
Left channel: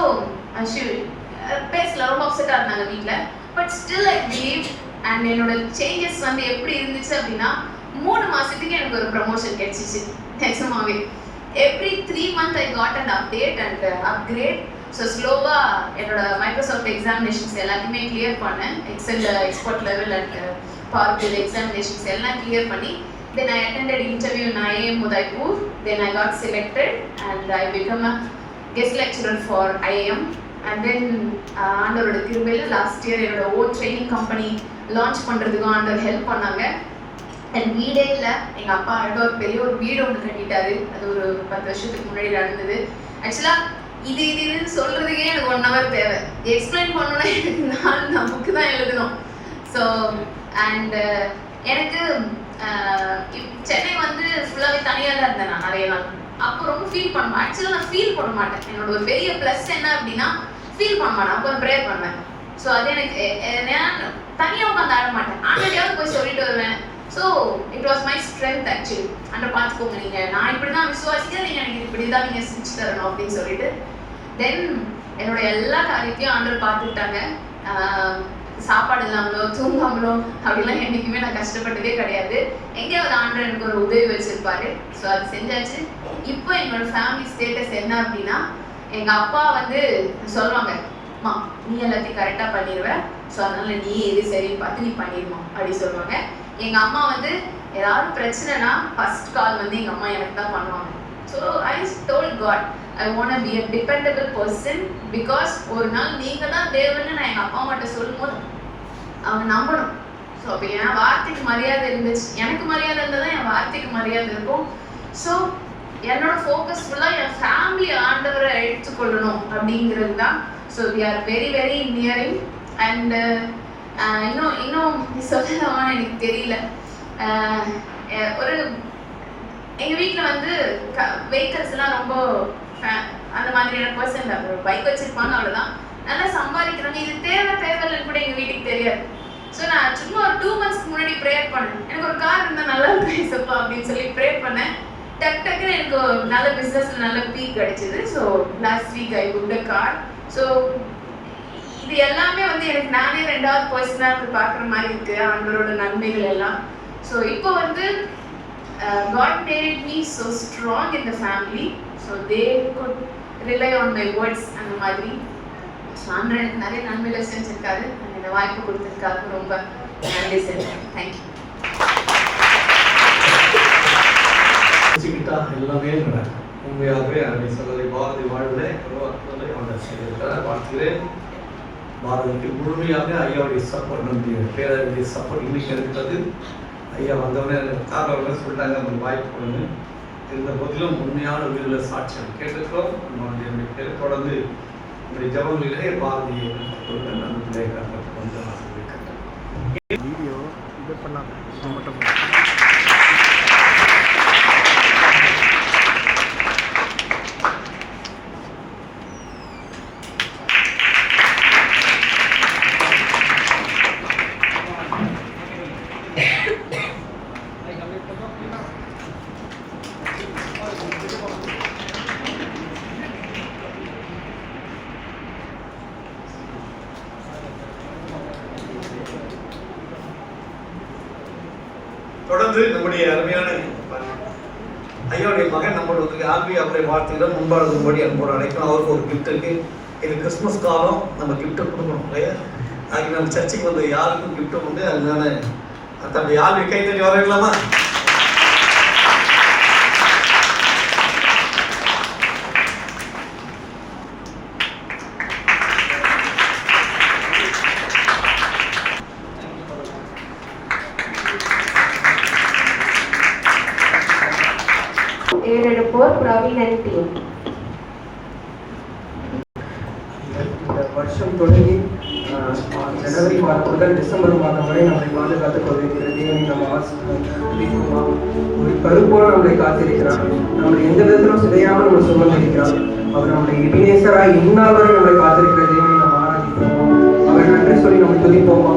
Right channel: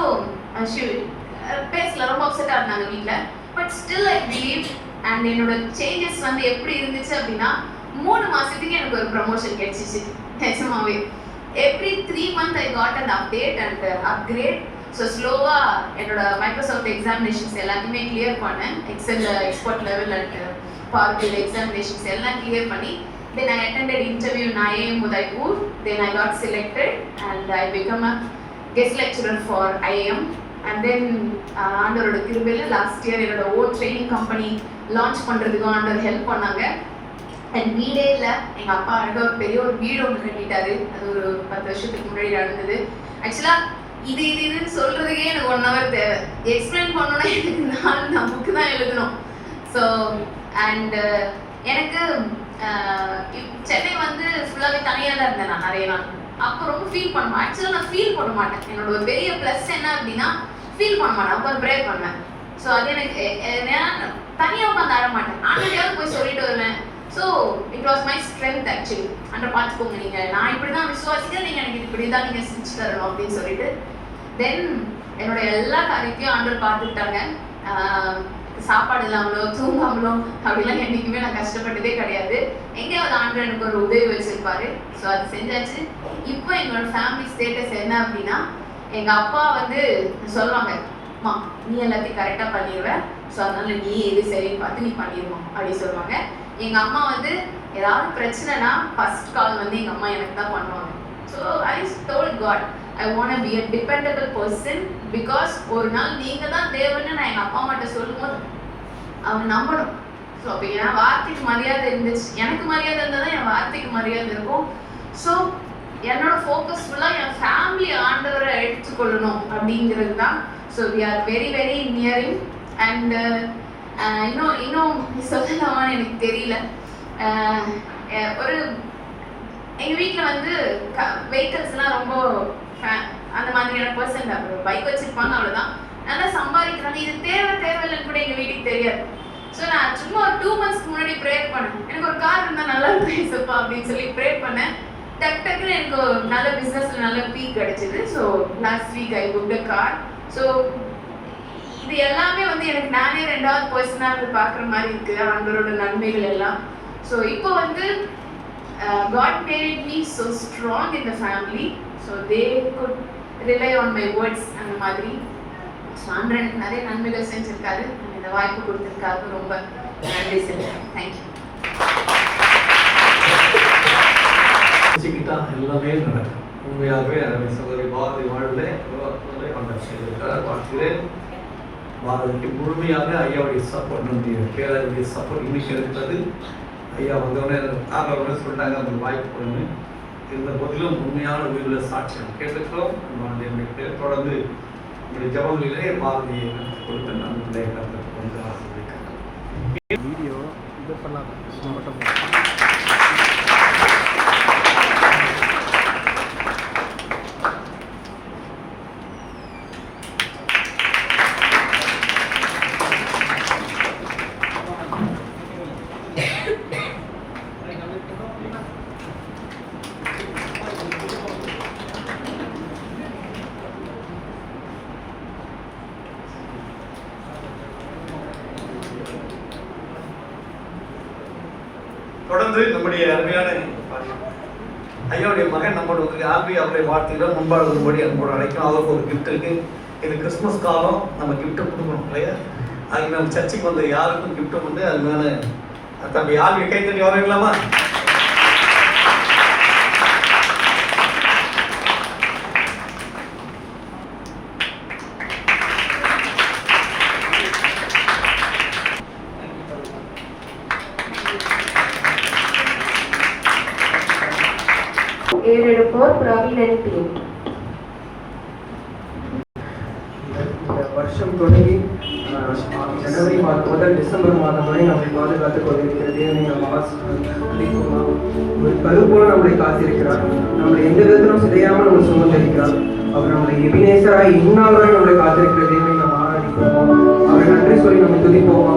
பேசல, ரொம்ப அப்செட்டாக இருந்தாங்க வீட்டில். But still I believe. And என்னோட சேஞ்சஸ் வந்து எப்படி இருந்துச்சு அப்படின்னா 3 மாதத்துக்கு எனக்கு ஒரு ப்ரமோஷன் கிடைச்சிச்சு நிஜமாவே. Every 3 months I got and update and upgrade. So ஸ்லோவாக என்னோட மைக்ரோசாஃப்ட் எக்ஸாமினேஷன்ஸ் எல்லாத்தையுமே கிளியர் பண்ணேன். எக்ஸல் எக்ஸ்பர்ட் லெவல் அண்ட் பார்பிள் எக்ஸாமினேஷன்ஸ் எல்லாம் கிளியர் பண்ணி then I attended interview in IIM Udaipur. Then I got selected and I become a guest lecturer for IIM. And then ஆண்டவரோட கிருபையில் last year என்னோட own training company launch பண்ணுறதுக்கும் ஆண்டவர் help பண்ணாங்க. And வீடே இல்லை, எங்கள் அப்பா அழகாக ஒரு பெரிய ஒரு வீடு ஒன்று கட்டிட்டாரு. அது ஒரு 10 வருஷத்துக்கு முன்னாடி நடந்தது. ஆக்சுவலாக இதுன்னு சொல்கிறதுக்கே எனக்கு 1 hour தேவை. எக்ஸ்பிளைன் பண்ணணும்னா எனக்கு நான் புக்கு தான் எழுதணும். ஸோ அண்ட் எனக்கு சென்னை வந்து ஃபுல்லாகவே தனியாக தான் இருந்தேன் நான் நிறைய நாள். அப்போ ரொம்ப ஃபீல் பண்ணுவேன். ஆக்சுவலாக நான் ஃபீல் பண்ண மாட்டேன். என்னோட ஒரு பெரிய ப்ளஸ் என்ன அப்படின்னா ஃபீல் பண்ண மாட்டேன், அப்போ ப்ரேயர் பண்ணுவேன். ஸோ அது எனக்கு நான் தனியாக உட்காந்து ஆட மாட்டேன், ஆண்டையாவது போய் சொல்லிட்டு வருவேன். So it was my strength actually. And பார்த்துக்கோங்க நீங்கள், நான் இப்படி தான் விசுவாசிக்கிறேன், நீங்கள் எனக்கு இப்படி தான் நீங்கள் செஞ்சு தரணும் அப்படின்னு சொல்லிட்டு. தென் என்னோட எல்லா காரியத்தையும் ஆண்டவர் பார்த்துக்கிட்டாங்க. சாப்பாடு இல்லாமலோ தூங்காமலோ அப்படிலாம் என்றைக்குமே நான் கஷ்டப்பட்டதே கிடையாது. எங்கேயாவது ஆண்டவர் எனக்கு ஒரு உதவி வச்சிருப்பாரு. ஸோ அது செஞ்சாச்சு. இப்போ எங்களோட ஃபேமிலி ஸ்டேட்டஸ் என்ன அப்படின்னா, எங்கள் அப்பா வந்து சொல்லுவாங்க, அம்மா நீ எல்லாத்தையும் கரெக்டாக பண்ணிடுவேன், ஸோ அதனால நீ எது சரின்னு பார்த்து நீ பண்ணிடுவோம் அப்படி சொல்லுவாங்க. எங்கள் அம்மா வந்து ஏதாவது பிரச்சனைனா ஃபர்ஸ்ட் கால் வந்து எங்கள் அம்மா எனக்கு தான் பண்ணுவாங்க. So I told God I want to be a dependable person. Because ஒரு நாள் நீங்கள் தான் தேவன்னு நான் எங்கள் அப்பா அம்மாட்ட சொல்லும் போது அவங்க நம்பணும். ஸோ அப்போ என் வார்த்தைக்கு மரியாதை இருந்துச்சு, எனக்கு மரியாதை இருந்தால் தான் என் வார்த்தைக்கு மரியாதை இருக்கும். ஸோ என்னோட ஃபோக்கஸ் ஃபுல்லாக என் ஃபேமிலி ஆண்டவரை எடுத்துக்கொள்ளணும் அப்படிங்கிறது தான். So we are very very nearing. அண்ட் இன்னும் சொல்லலாமான்னு எனக்கு தெரியல. ஒரு எங்கள் வீட்டில் வந்து வெஹிக்கல்ஸ்லாம் ரொம்ப அந்த மாதிரியான பர்சன் தான். பைக் வச்சுருப்பாங்க அவ்வளோதான், நல்லா சம்பாதிக்கிறாங்க. இது தேவையில்லைன்னு கூட எங்கள் வீட்டுக்கு தெரியாது. ஸோ நான் சும்மா ஒரு 2 months முன்னாடி ப்ரேயர் பண்ணேன், எனக்கு ஒரு கார் இருந்தால் நல்லா இருக்கும் அப்படின்னு சொல்லி ப்ரேயர் பண்ணேன். டக்குன்னு எனக்கு ஒரு நல்ல பிஸ்னஸில் நல்ல பீக் கிடைச்சிது. So last week I booked a car. So இது எல்லாமே வந்து எனக்கு நானே 2வது பர்சனாக இருந்து பார்க்குற மாதிரி இருக்குது, அவங்களோட நன்மைகள் எல்லாம். ஸோ இப்போ வந்து God made me so strong in the family, so they could rely on my words அந்த மாதிரி. ஸோ ஆண்டவர் எனக்கு நிறைய நன்மைகள் செஞ்சுருக்காரு. இந்த வாய்ப்பு கொடுத்துருக்காரு, ரொம்ப நன்றி சொல்றேன். தேங்க்யூ. எல்லாமே நடக்கும். உண்மையாகவே அதை சொல்வதை பாரதி வாழ்வில் பார்க்கிறேன். பாரதிக்கு முழுமையாக ஐயாவுடைய சப்போர்ட், நம்முடைய பேரருடைய சப்போர்ட் இன்னைக்கு இருப்பது. ஐயா வந்தவொடனே காரணம் சொல்லிட்டாங்க அந்த வாய்ப்பு கொடுங்க. இருந்த போதிலும் உண்மையான உயிரிழ சாட்சியம் கேட்டுக்கிறோம். நம்முடைய தொடர்ந்து நம்முடைய ஜபங்களிலே பாரதியை கொடுத்து நம்முடைய ஆசிரியர் வீடியோ இது பண்ணாத மட்டும் தொடர்ந்து நம்முடைய அருமையான ஐயாவுடைய மகன் நம்மளோட வந்து ஆல்பி அவருடைய வாழ்த்துக்கள் முன்பாடு வரும்படி அன்போடு அழைக்கணும். அவருக்கு ஒரு கிஃப்ட் இருக்கு. இது கிறிஸ்மஸ் காலம், நம்ம கிஃப்ட்டை கொடுக்கணும் இல்லையா? அதுக்கு நம்ம சர்ச்சுக்கு வந்து யாருக்கும் கிஃப்ட்டை வந்து அதனால தம்பி ஆல்பி கை தட்டி வரலாமா? ஏறெடுப்போர் பிரவீன் டீம். இந்த வருஷம் தொடங்கி ஜனவரி மாதம் முதல் டிசம்பர் மாதம் வரை நம்மை பாதுகாத்துக் கொண்டிருக்கிற தேவனை நம்ம துதிப்போமா? ஒரு கருப்போல நம்மளை காத்திருக்கிறார். நம்மளை எந்த விதத்திலும் சிதையாமல் நம்ம சுமந்திருக்கிறார். அவர் நம்மளை எபினேசராய் இந்நாள் வரை நம்மளை காத்திருக்கிற தேவனை நம்ம ஆராதிப்போமா? அவர் நன்றி சொல்லி நம்ம துதிப்போமா?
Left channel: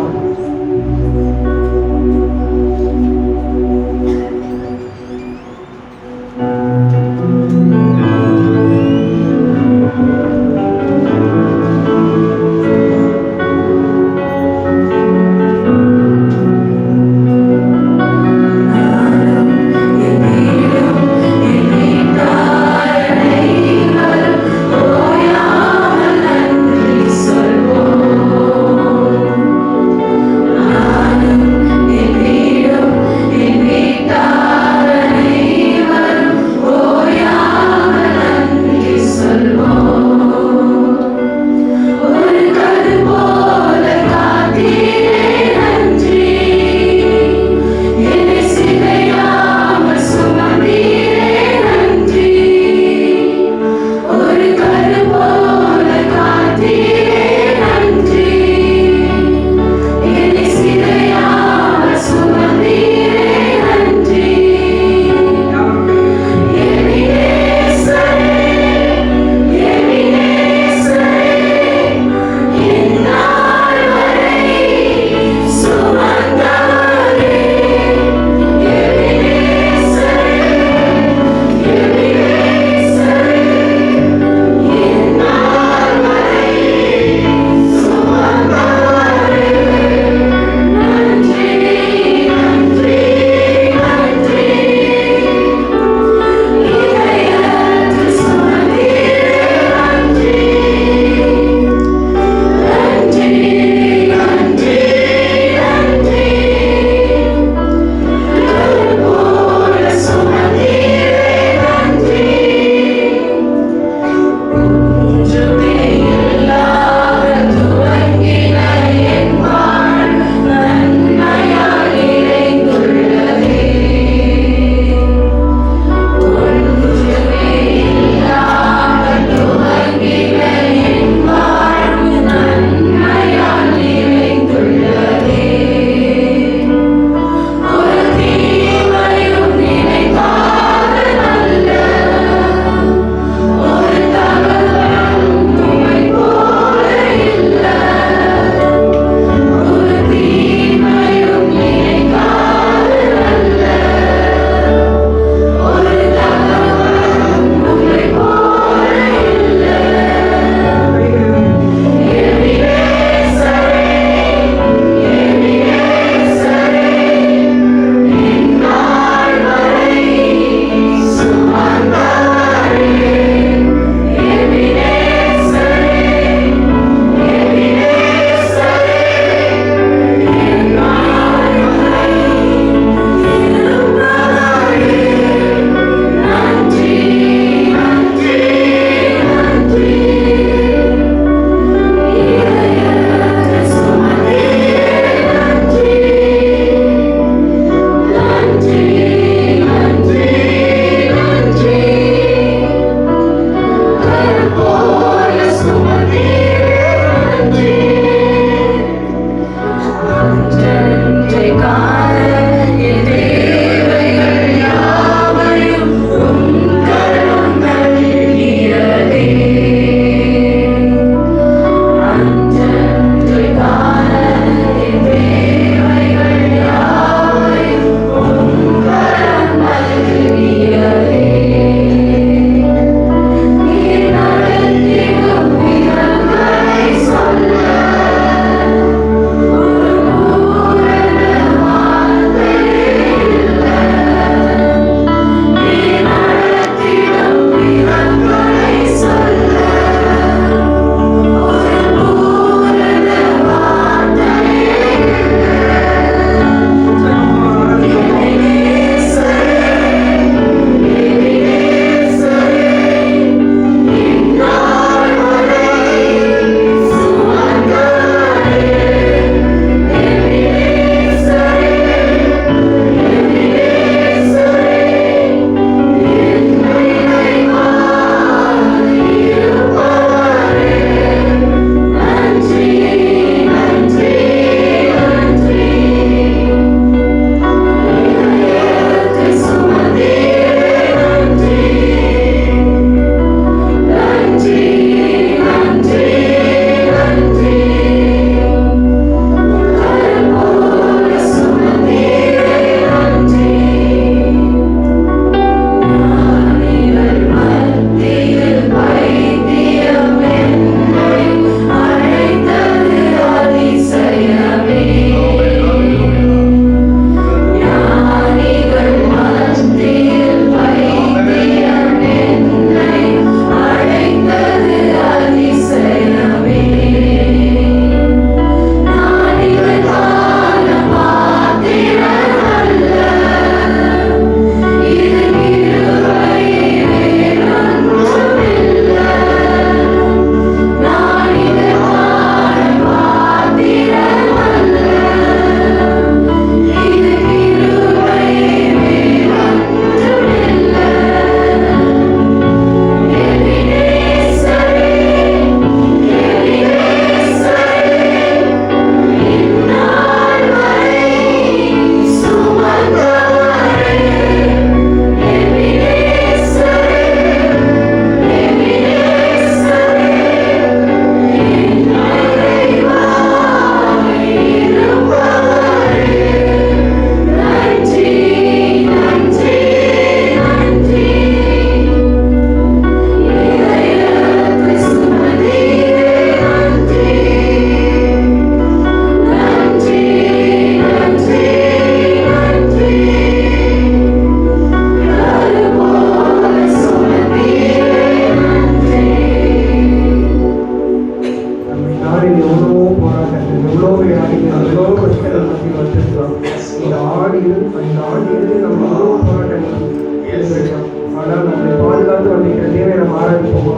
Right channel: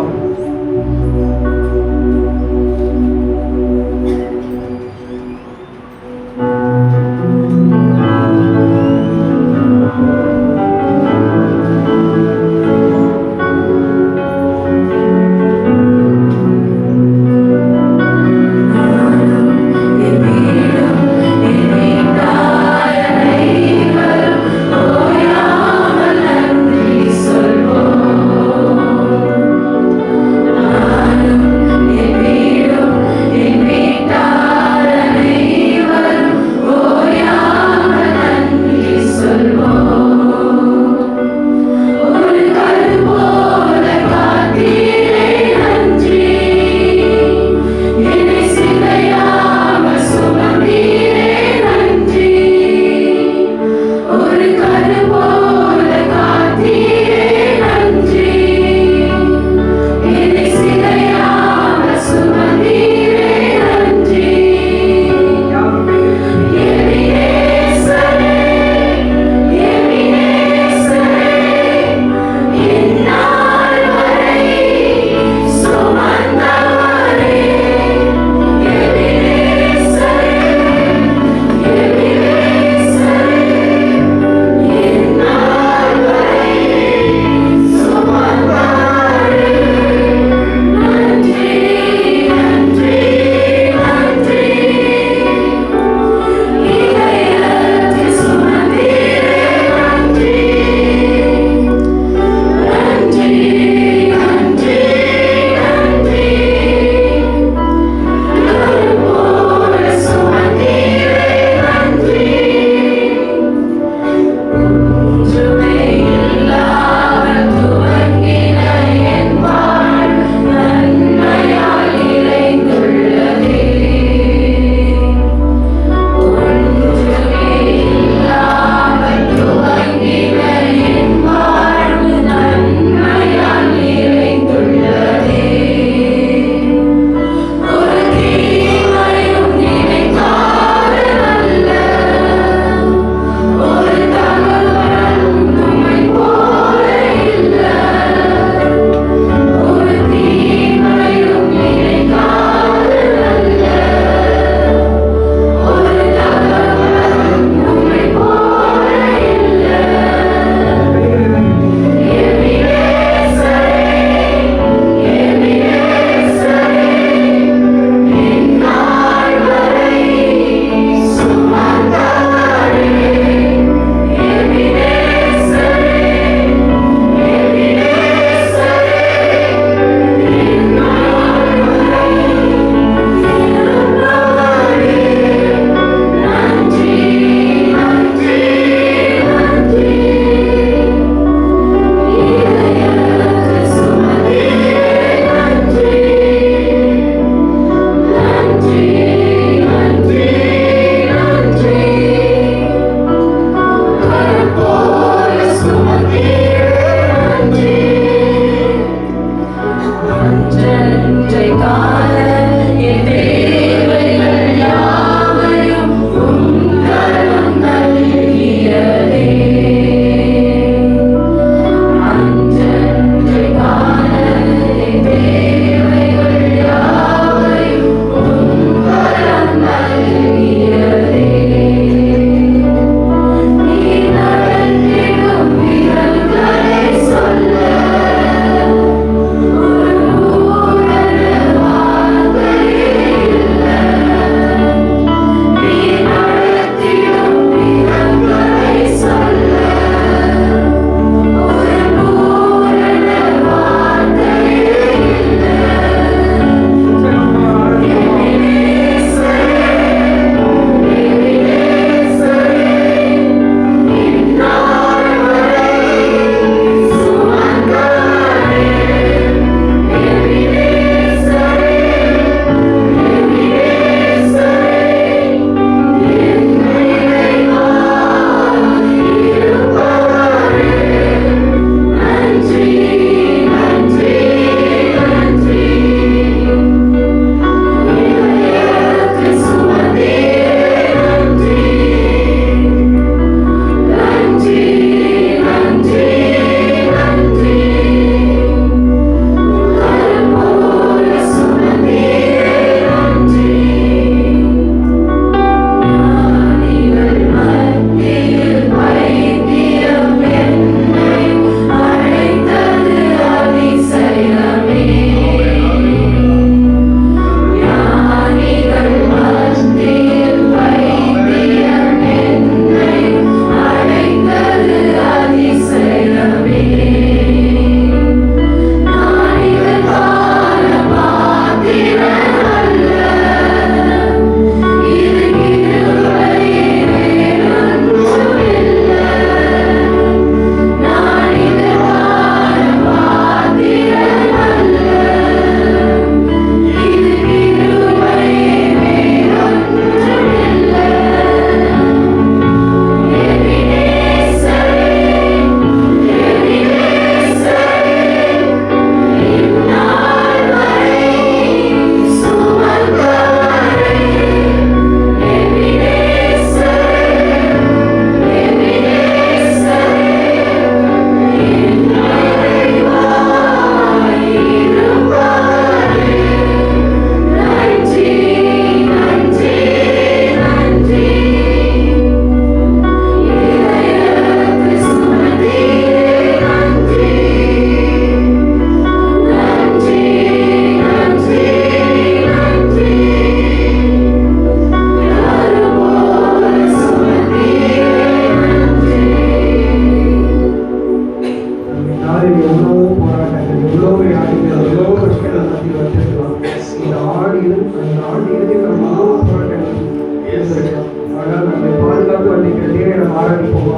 ஆனால் நம்மை பாதுகாத்து வந்திருக்கிற தேவனை நம்ம ஆராதிப்போமா?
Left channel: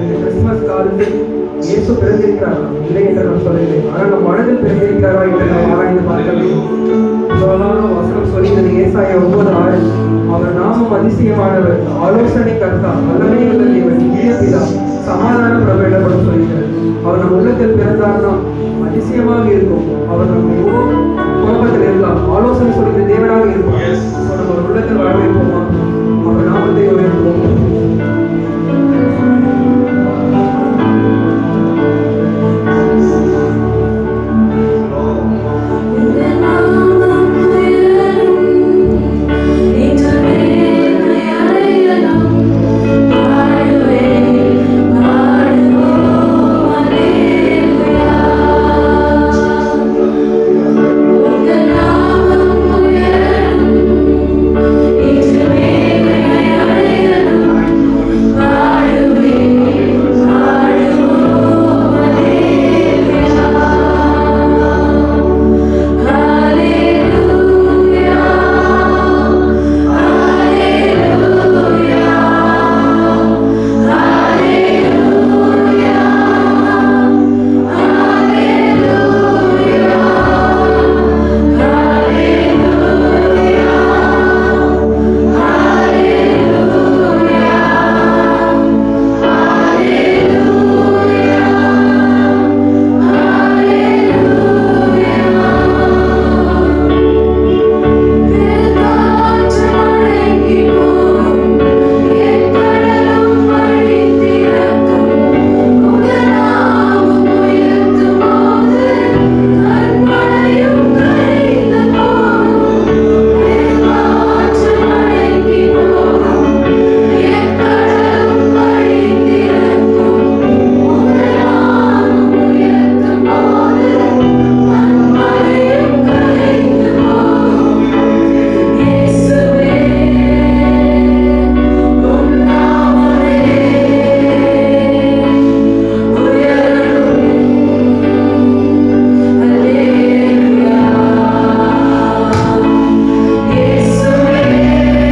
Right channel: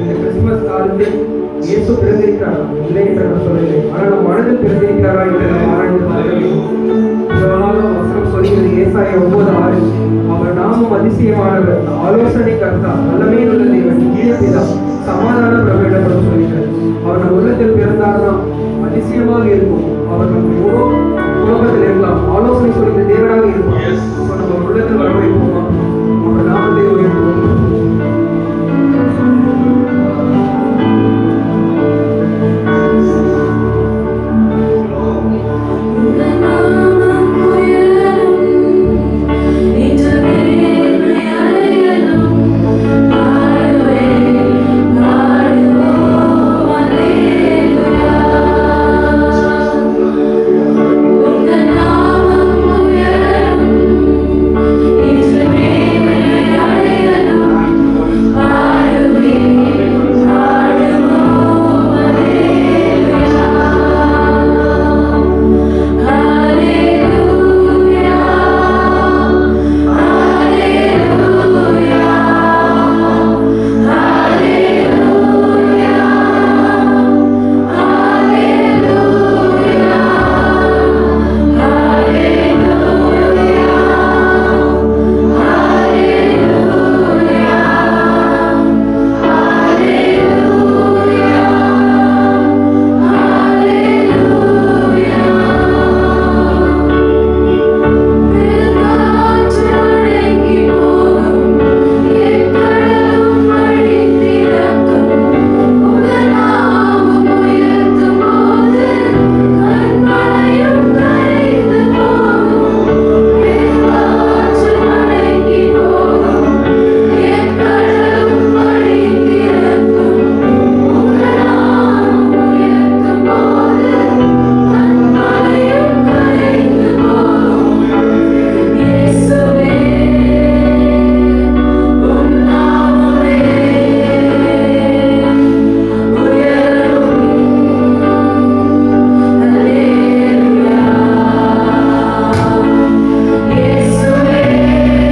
இந்த கிறிஸ்துமஸ் காலத்தில் இயேசு பிறந்திருக்கிறார் இல்லை என்று நான் சொல்லவில்லை, ஆனால் நம் மனதில் பிறந்திருக்கிறாரா என்று நாம் ஆராய்ந்து பார்க்க வேண்டும். இவ்வளவு வசனம் சொல்கிறது ஏசாயா 9:6, அவர் நாமம் அதிசயமானவர், ஆலோசனை கர்த்தா, வல்லமை உள்ள தேவன், நித்திய பிதா, சமாதானம் நம்மிடப்படும் சொல்கிறார். அவர் நம் உள்ளத்தில் பிறந்தார்னா அதிசயமாக இருக்கும். அவர் நம்ம எவ்வளோ குழப்பத்தில் இருக்கலாம், ஆலோசனை சொல்கிற தேவனாக இருப்பார். நம்ம உள்ளத்தில் வரவேற்போம்.